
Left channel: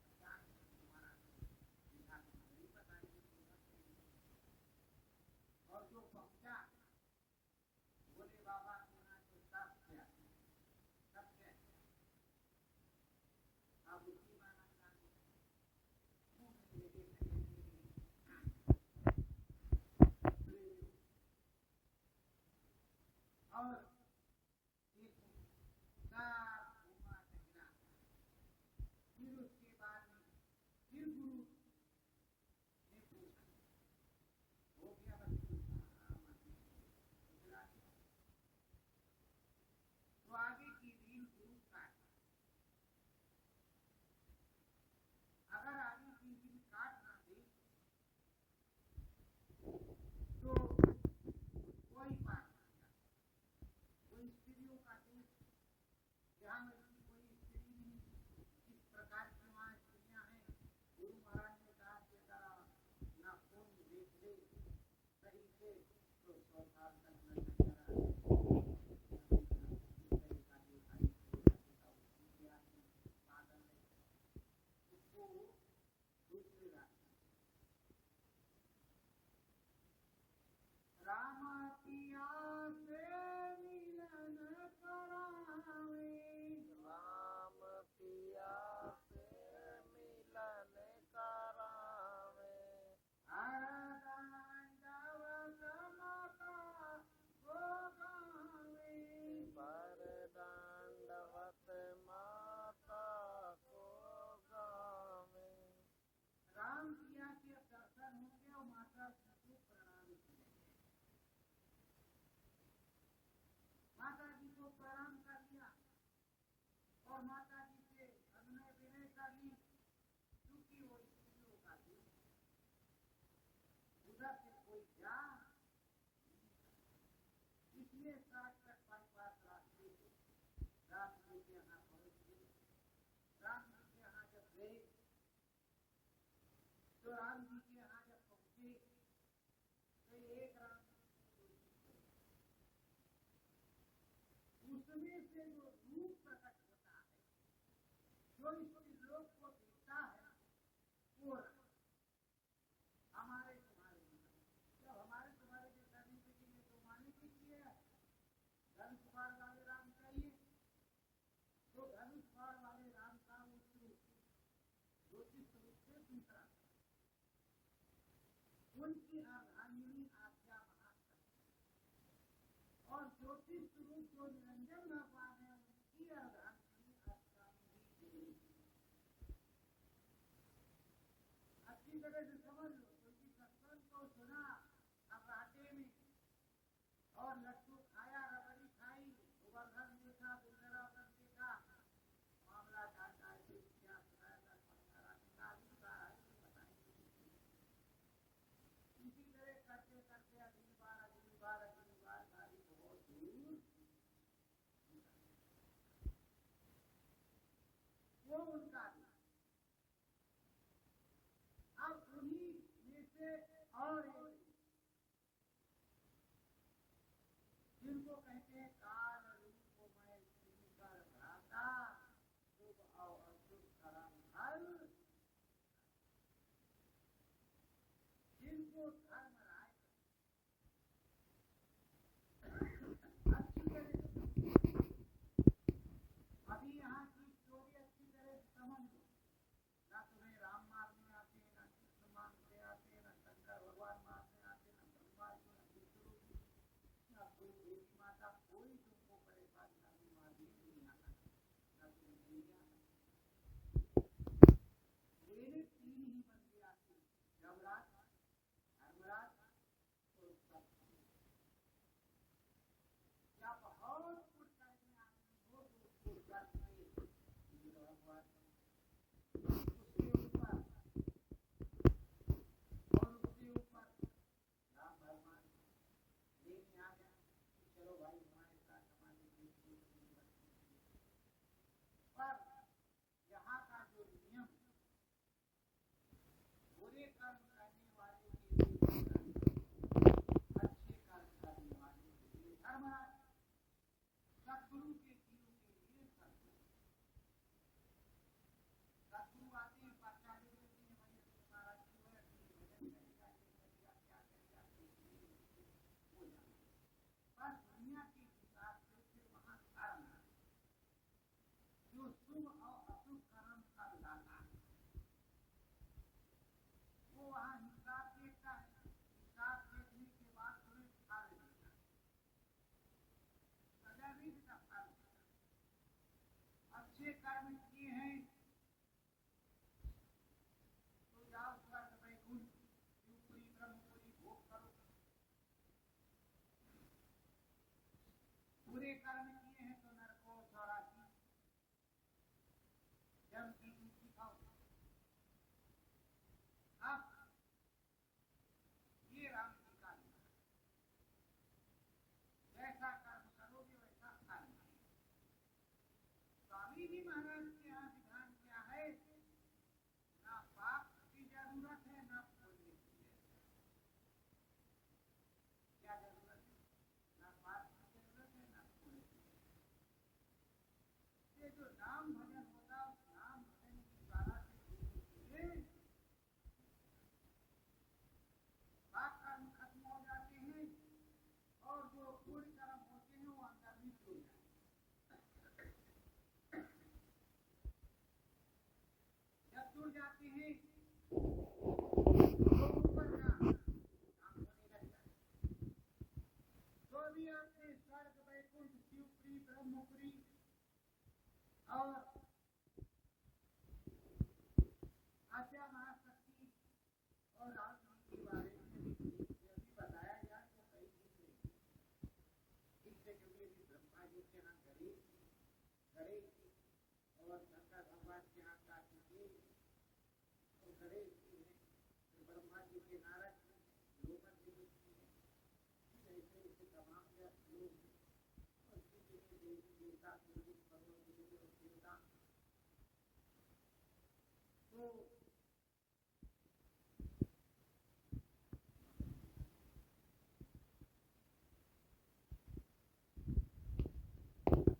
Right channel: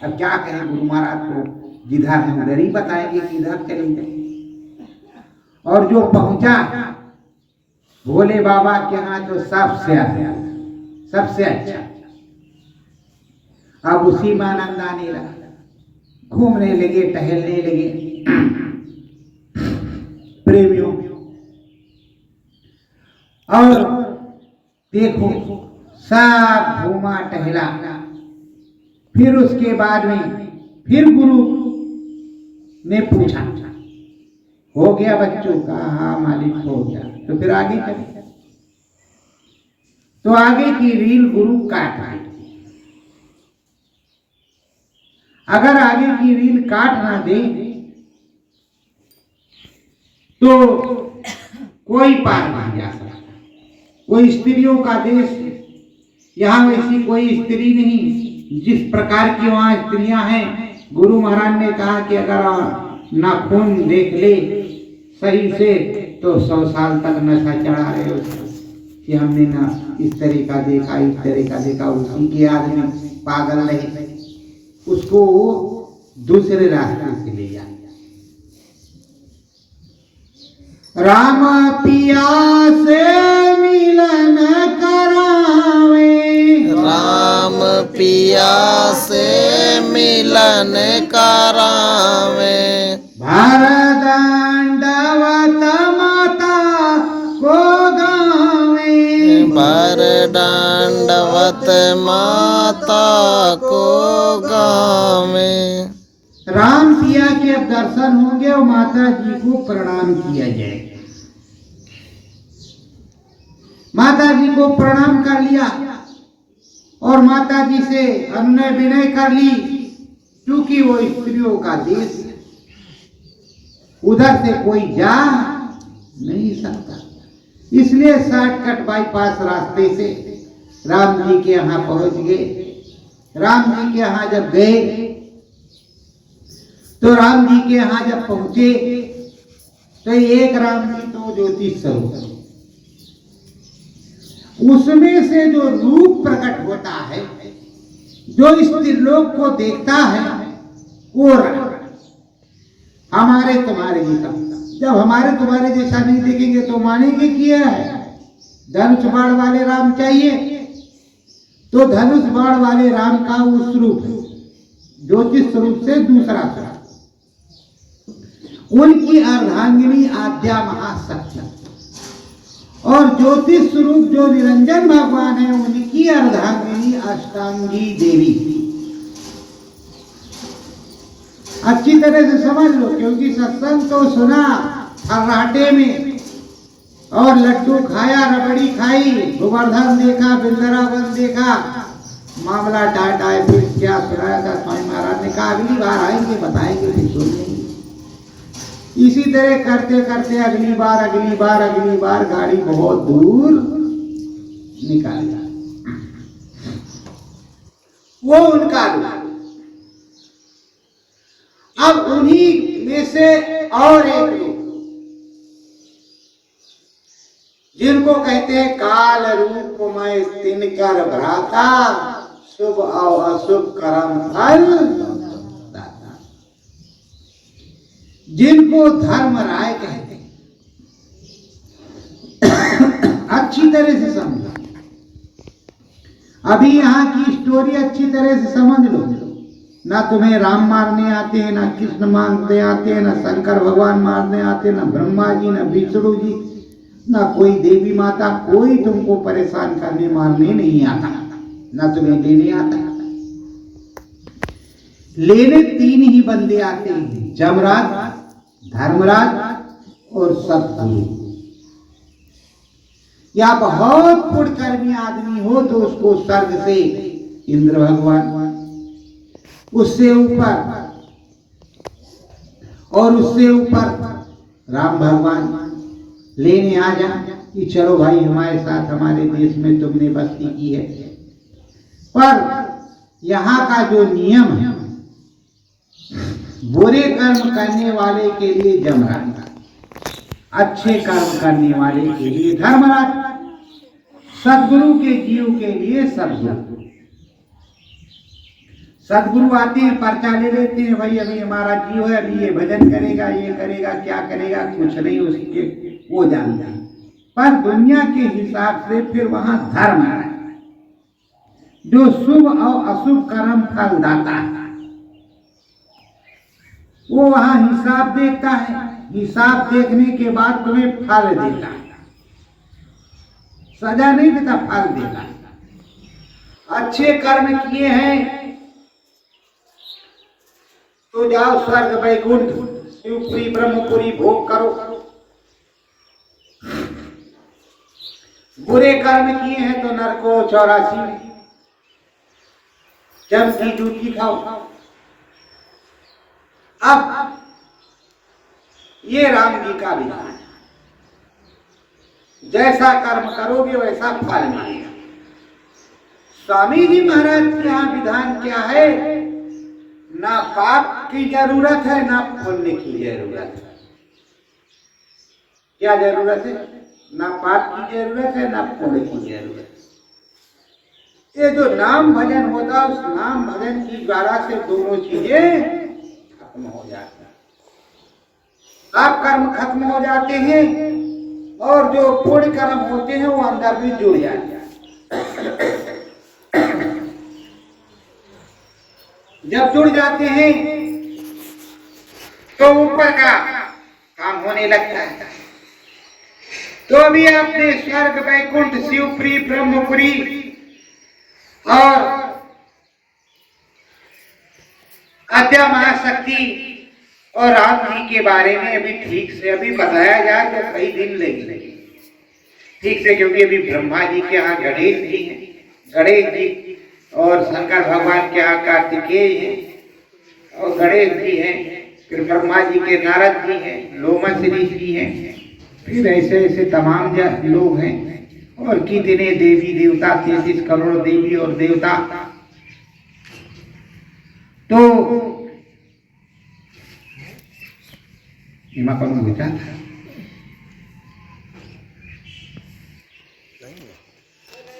अब क्या कहें गुरु महाराज को? जिधर हम उधर ही बताएंगे कि इधर चलेंगे। और जो पहुंचा भोले बाबा के यहाँ तो सबसे अच्छा। अब उसी में आनंद आने लगा, घूमने लगे, टहलने लगे। प्रेमियों, और देखो सब घूमा टहला। फिर उसके बाद में फिर गुरु ने पूछा, हो गया बच्चों का? हाँ मालिक हो गया। तो फिर आगे चले। तो आगे की रील गुरु काट रहे। अगर आगे की रील काट ना दे तो कोई पार नहीं जा सकता। कोई स्त्रियों का देश, यहाँ वैसी कोई स्त्री नहीं जिस प्रकार की वहां स्त्रियां हैं। गुरु महाराज ने कहा कि अगर नाखून देख ले सही से तो 100 साल तक नशा चढ़ा रहे उसको कि हमने ना इस तरह का देखा, इस तरह का देखा। उसी के आदमी पागल रहे, उसको दूसरे रास्ते से ले जाए। राम पिया से मिलन करावे, राम पिया से मिलन करावे, भर दंडवत माता को गावे, भर दंडवत माता को गावे। राम पिया के अब दर्शन होंगे और माता जी को प्रणाम किया जाएगा। माता जी को प्रणाम कर लिया और माता जी से अनुनय विनय कर ली, क्योंकि वो स्त्रियों का देश, उधर से कोई जा नहीं सकता। इसलिए शॉर्टकट बाईपास रास्ते से राम जी के यहाँ पहुंच गए। राम जी के यहाँ जब गए तो राम जी के यहाँ जब पहुंचे तो एक राम जी तो ज्योतिष स्वरूप, उसमें से जो रूप प्रकट होता है, जो स्त्रीलोक को देखता है, वो हमारे तुम्हारे जैसा। जब हमारे तुम्हारे जैसा नहीं देखेंगे तो मानेंगे कि यह है धनुष बाण वाले राम चाहिए। तो धनुष बाण वाले राम का उस रूप ज्योतिष स्वरूप से दूसरा स्वरूप, उनकी अर्धांगिनी आद्या महाशक्ति, और ज्योतिष स्वरूप जो निरंजन भगवान है उनकी अर्धांगिनी अष्टांगी देवी। अच्छी तरह से समझ लो, क्योंकि सत्संग तो सुना फर्राटे में और लड्डू खाया, रबड़ी खाई, गोवर्धन देखा, वृंदावन देखा, मामला टाटा है। फिर क्या सुनाया था स्वामी महाराज ने कहा अगली बार आएंगे बताएंगे, फिर सुन लेंगे। इसी तरह करते करते अगली बार गाड़ी बहुत दूर निकाल गया। वो उनका रूप। अब उन्हीं में से और एक रूप जिनको कहते हैं काल रूप में तिनकर भ्राता, शुभ और अशुभ कर्म फल दाता, जिनको धर्मराय कहते हैं। अच्छी तरह से समझो, अभी यहाँ की स्टोरी अच्छी तरह से समझ लो। ना तुम्हें राम मारने आते हैं, ना कृष्ण मारने आते हैं, ना शंकर भगवान मारने आते, ना ब्रह्मा जी, ना विष्णु जी, ना कोई देवी माता, कोई तुमको परेशान करने मारने नहीं आता, ना तुम्हें लेने आता। लेने तीन ही बंदे आते हैं, जमराज, धर्मराज और सतगुरु। या बहुत पुण्यकर्मी आदमी हो तो उसको स्वर्ग से इंद्र भगवान, उससे ऊपर और उससे ऊपर राम भगवान लेने आ जा कि चलो भाई हमारे साथ, हमारे देश में तुमने बस्ती की है। पर यहाँ का जो नियम है, बुरे कर्म करने वाले के लिए जमराज, अच्छे कर्म करने वाले के लिए धर्मराज, सद्गुरु के जीव के लिए सद्गुरु। सद्गुरु आते हैं, पर्चा ले लेते हैं, भाई अभी हमारा जीव है, अभी ये भजन करेगा, ये करेगा, क्या करेगा कुछ नहीं उसके वो जानता है। पर दुनिया के हिसाब से फिर वहां धर्म है जो शुभ और अशुभ कर्म फल दाता है। वो वहां हिसाब देखता है, हिसाब देखने के बाद तुम्हें फल देता है। सजा नहीं देता, फल देता। अच्छे कर्म किए हैं तो जाओ स्वर्ग वैकुंठ शिवपुरी ब्रह्मपुरी भोग करो। बुरे कर्म किए हैं तो नरको 84 में जम की जूठी खाओ। अब ये राम जी का विधान है, जैसा कर्म करोगे वैसा फल मिलेगा। स्वामी जी महाराज के यहाँ विधान क्या है, ना पाप की जरूरत है ना पुण्य की जरूरत है। क्या जरूरत है? ना पाप की जरूरत है ना पुण्य की जरूरत है। ये जो नाम भजन होता है, उस नाम भजन की द्वारा से दोनों चीजें खत्म हो जाती हैं। पाप कर्म खत्म हो जाते हैं और जो पुण्य कर्म होते हैं वो अंदर भी जुड़ जाते हैं। जब जुड़ जाते हैं तो ऊपर का काम होने लगता है। तो अभी आपने स्वर्ग वैकुंठ शिवपुरी ब्रह्मपुरी और आद्या महाशक्ति और राम जी के बारे में अभी ठीक से अभी बताया जाए तो कई दिन लगेंगे ठीक से, क्योंकि अभी ब्रह्मा जी के यहाँ गणेश जी हैं, गणेश जी, और शंकर भगवान के यहाँ कार्तिकेय हैं और गणेश जी हैं, फिर ब्रह्मा जी के नारद जी हैं, लोमस ऋषि हैं, फिर ऐसे ऐसे तमाम लोग हैं और कितने देवी देवता, 33 करोड़ देवी और देवता। तो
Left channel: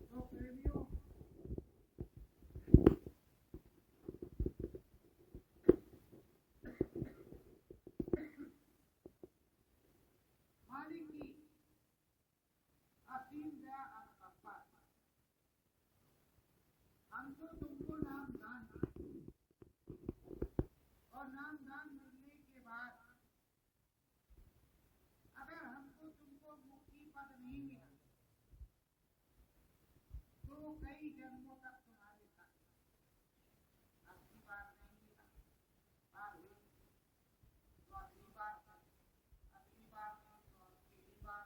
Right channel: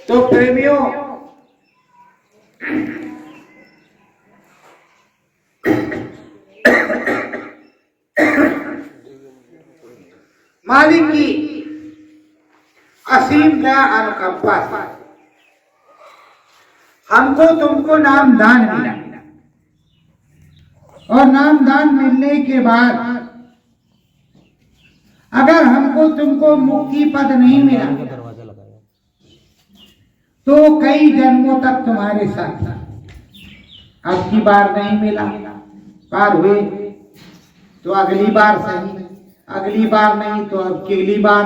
तो प्रेमियों, मालिक की असीम दया अनुकंपा से हमको तुमको नाम दान मिला, और नाम दान मिलने के बाद अगर हमको तुमको मुक्ति पद नहीं मिला तो कई जन्मों तक तुम्हारे साथ, अब की बार नहीं मिला, पार हुए तो अगली बार सही, अगली बार नहीं तो अब की अगली बार।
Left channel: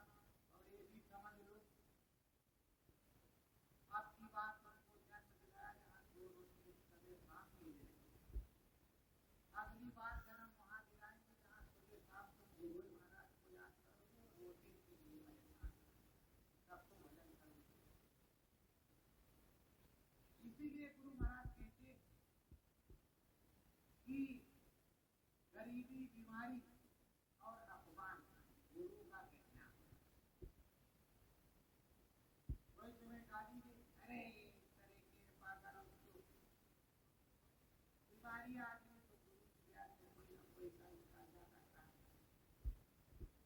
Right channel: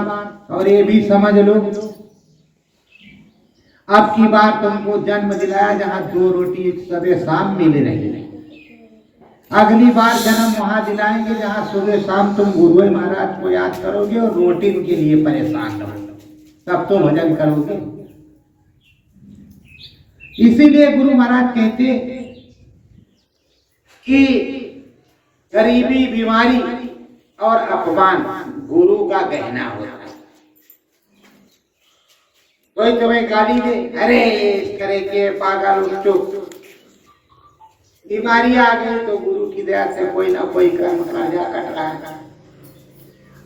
और ये भी समझ लो, अब की बार तुमको जन्म दिलाया जहां 2 रोटी सुबह शाम मिल रही है, अगली बार जन्म वहां दिलाएंगे जहां सुबह शाम तुम गुरु महाराज को याद करोगे और रोटी के लिए परेशान रहोगे, तब तो भजन करोगे। इसीलिए गुरु महाराज कहते कि गरीबी, बीमारी और अपमान गुरु का गहना होता है। कोई तुम्हें गाली दे, अरे इस तरह के पागल चुप, बीमारी आ गई तो गुरु की दया से कोई ना कोई कर्म राजा कट रहा है,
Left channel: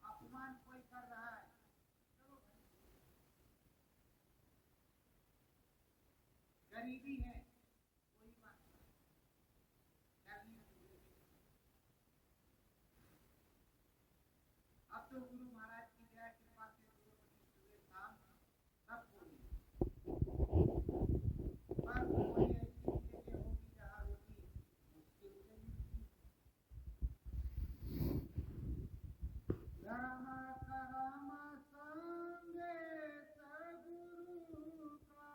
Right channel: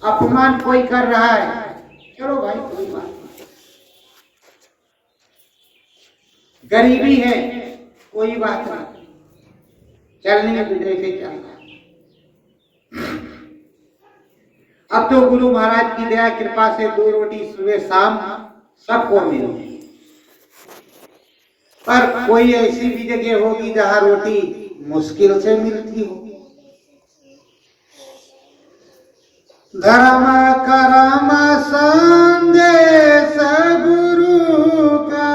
अपमान कोई कर रहा है, चलो भाई कोई बात नहीं, गरीबी है कोई बात नहीं, चलने तो जैसे चल रहा। अब तो गुरु महाराज की दया कृपा से 2 रोटी सुबह शाम सबको मिली, पर कोई ऐसी भी जगह होगी जहां रोटी मुश्किल से मिलती हो। धर्म करम संदेश गुरु का,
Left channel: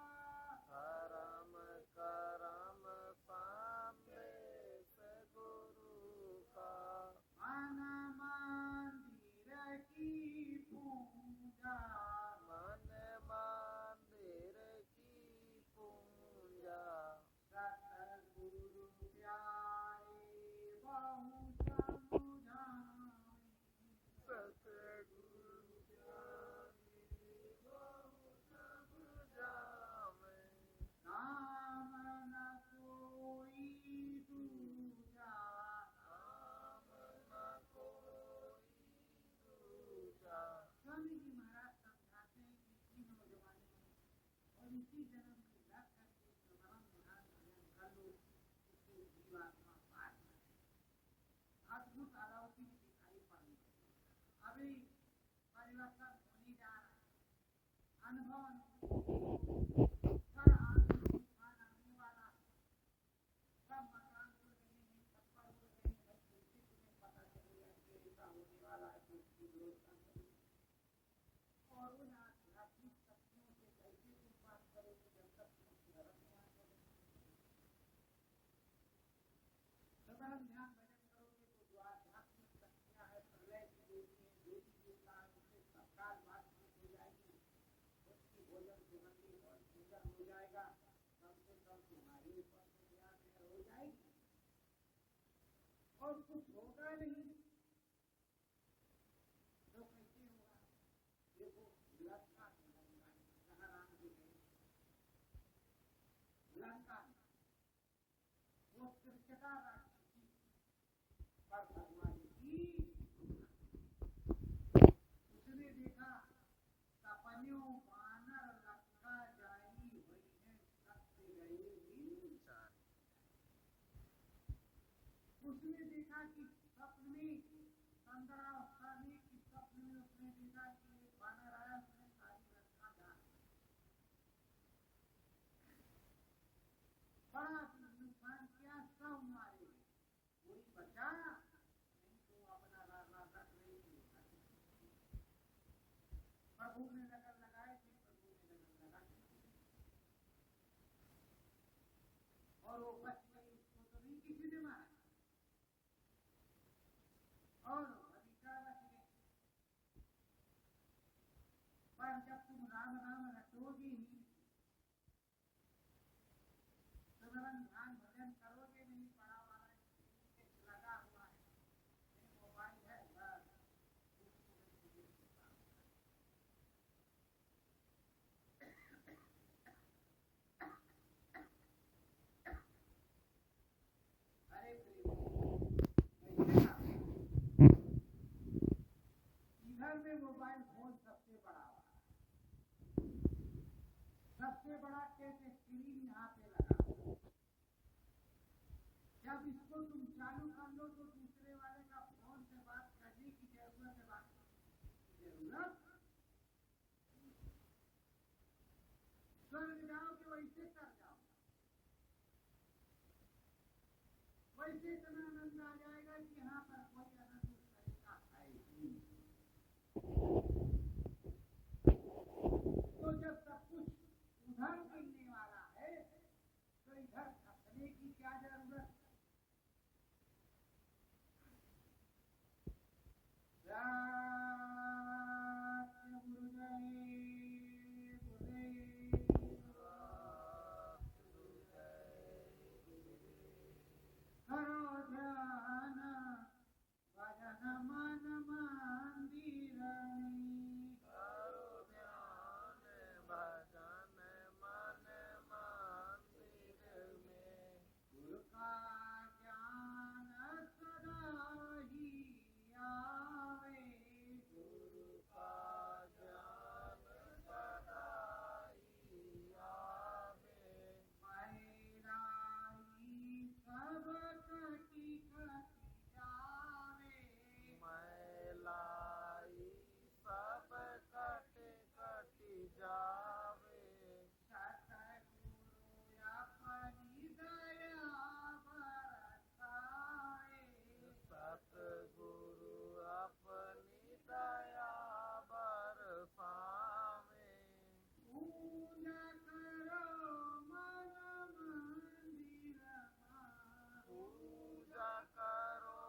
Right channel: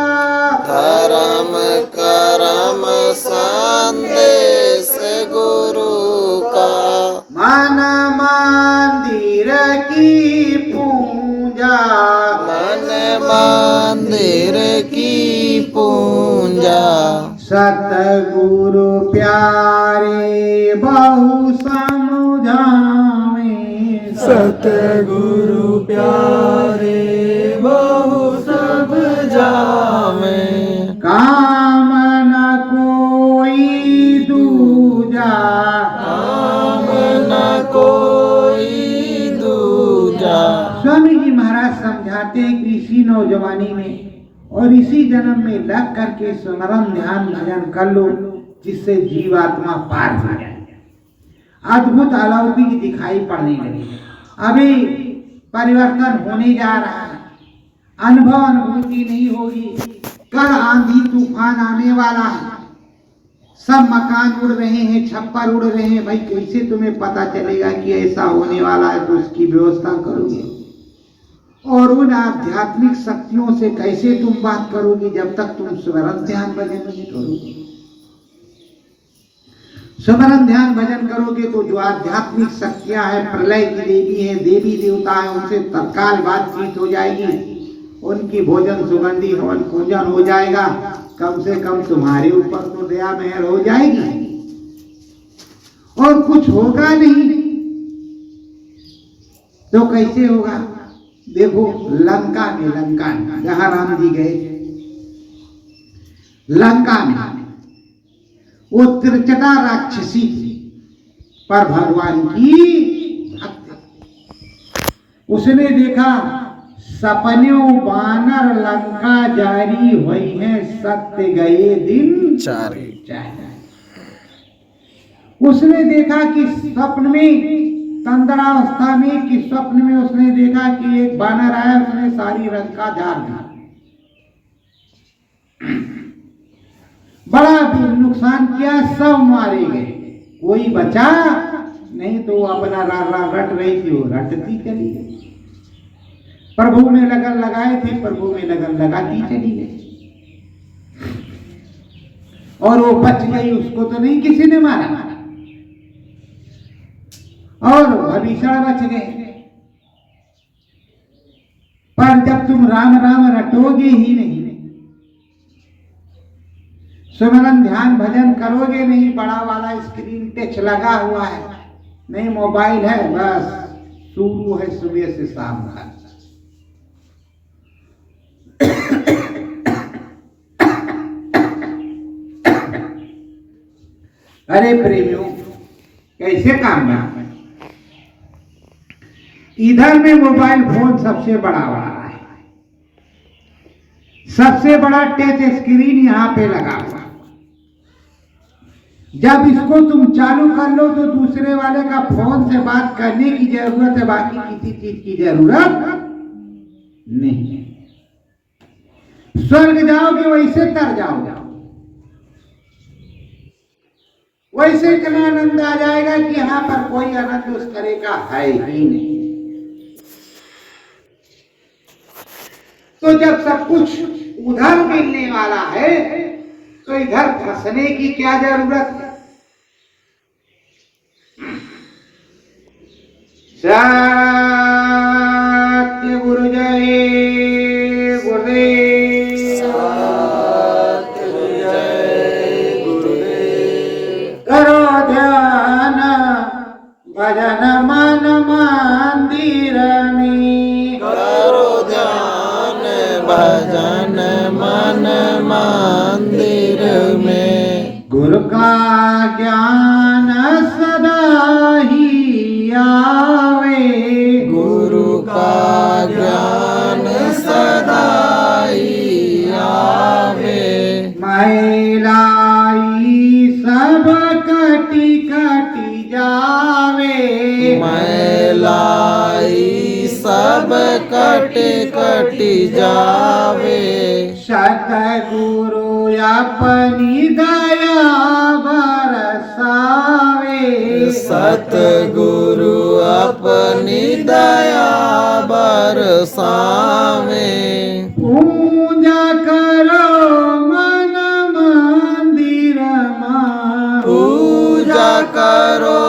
धर्म करम संदेश गुरु का, मन मंदिर की पूजा, मन मंदिर की पूजा, सतगुरु प्यारे बहु समझावे, सतगुरु प्यारे बहु सब जामे, काम न कोई दूजा, काम न कोई दूजा। स्वामी जी महाराज समझाते हैं कि इसी नौजवानी में और इसी जन्म में लग करके स्मरण ध्यान भजन कर लो, जिससे जीवात्मा पार हो जाए, अद्भुत अलौकिक दिखाई पड़ने लगे। अभी परिवर्तन होने जा रहा है, अनुभूति नहीं होगी। कल आंधी तूफान आने वाला है, सब मकान उड़ रहे हैं, छप्पर उड़ रहे हैं। भाई कैसे तुम्हें पता चलेगा कि ऐसा होने वाला है? तो उसकी व्यवस्था करोगे। और उन आध्यात्मिक शक्तियों से कैसे तुम बात करोगे जब तक तुम स्मरण ध्यान भजन नहीं करोगे? स्मरण ध्यान भजन करोगे तो जो आध्यात्मिक शक्तियां हैं, प्रलय की देवी है, देवी देवता है, उनसे तत्काल बातचीत हो जाएगी। उनकी भोजन सुगंधी हवन पूजन हो जाएगा। कम से कम तुम्हारे ऊपर तो दया मेहर हो जाएगी। और कुछ होगा नहीं तो कैसे होगा? देखो लंका में जहां राम जी गए, लंका में वो त्रिजटा राक्षसी पर भगवान की भक्त। उसने देखा सपन्यों बानर लंका जारी हुई है, सत्य गए दिन चारे। उसने देखा कि स्वप्न में, तंद्रावस्था में कि स्वप्न में उसने देखा कि एक बानर आया, उसने सारी लंका जार दी। बड़ा नुकसान किया, सब मारे गए, कोई बचा नहीं। तो वो अपना रट रही थी, वो रटती चली गई। प्रभु में लगन लगाए थे, प्रभु में लगन लगाती चली गई। और वो बच गई, उसको तो नहीं किसी ने मारा। और भविष्य बच गए। पर जब तुम राम राम रटोगे ही नहीं, सुमरन ध्यान भजन करोगे नहीं, बड़ा वाला स्क्रीन टच लगा हुआ है, नहीं मोबाइल है, बस शुरू है सुबह से शाम तक। अरे प्रेमियों, कैसे काम है? इधर में मोबाइल फोन सबसे बड़ा है, सबसे बड़ा टच स्क्रीन यहाँ पे लगा हुआ। जब इसको तुम चालू कर लो तो दूसरे वाले का फोन से बात करने की जरूरत है, बाकी किसी चीज की जरूरत नहीं है। स्वर्ग जाओगे वैसे तर जाओगे, वैसे इतना आनंद आ जाएगा कि यहाँ पर कोई आनंद उस तरह का है ही नहीं। तो जब सब कुछ उधर मिलने वाला है तो इधर फंसने की क्या जरूरत है? सत्य गुरु जय गुरुदेव, करो ध्यान भजन मन मंदिर में, करो ध्यान भजन मन मंदिर में। गुरु का ज्ञान सदा ही आवे, गुरु का ज्ञान सदा ही आवे। मैलाई सब कटी कटी जावे, मैलाई सब कट कट जावे। सतगुरु अपनी दया बरसावे, सतगुरु अपनी दया बरसावे। पूजा करो मन मंदिर मां, पूजा करो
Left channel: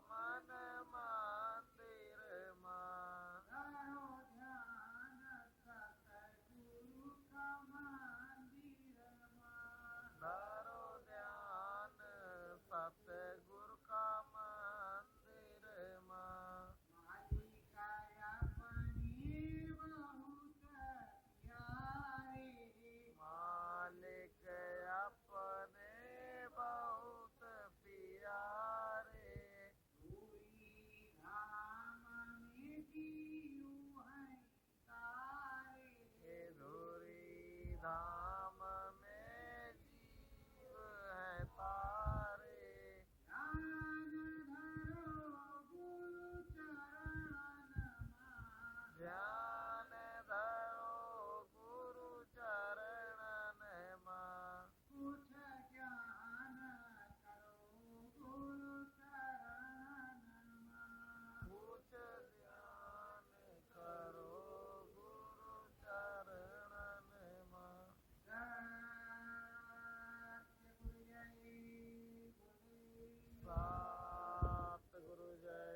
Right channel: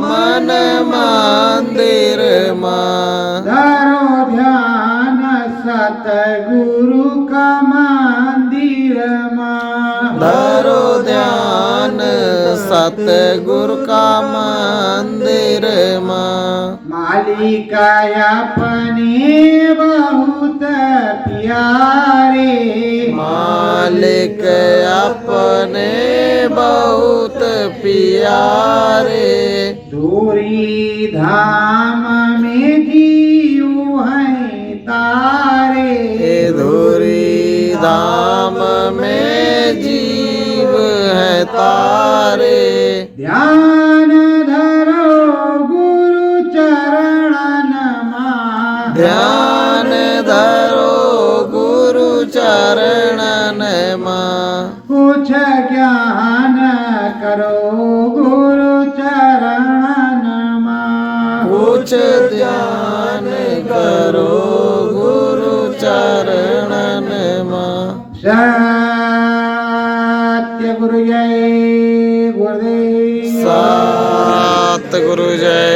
मन मंदिर मां। धरो ध्यान सतगुरु का मंदिर मां, धरो ध्यान सतगुरु का मंदिर मां। मालिक अपने बहुत प्यारे, मालिक अपने बहुत प्यारे। दूरी धाम में जीव हैं तारे, धुरी धाम में जीव है तारे। ध्यान धरो गुरु चरणन मां, ध्यान धरो सत्य गुरु जय गुरुदेव। सतगुरु जय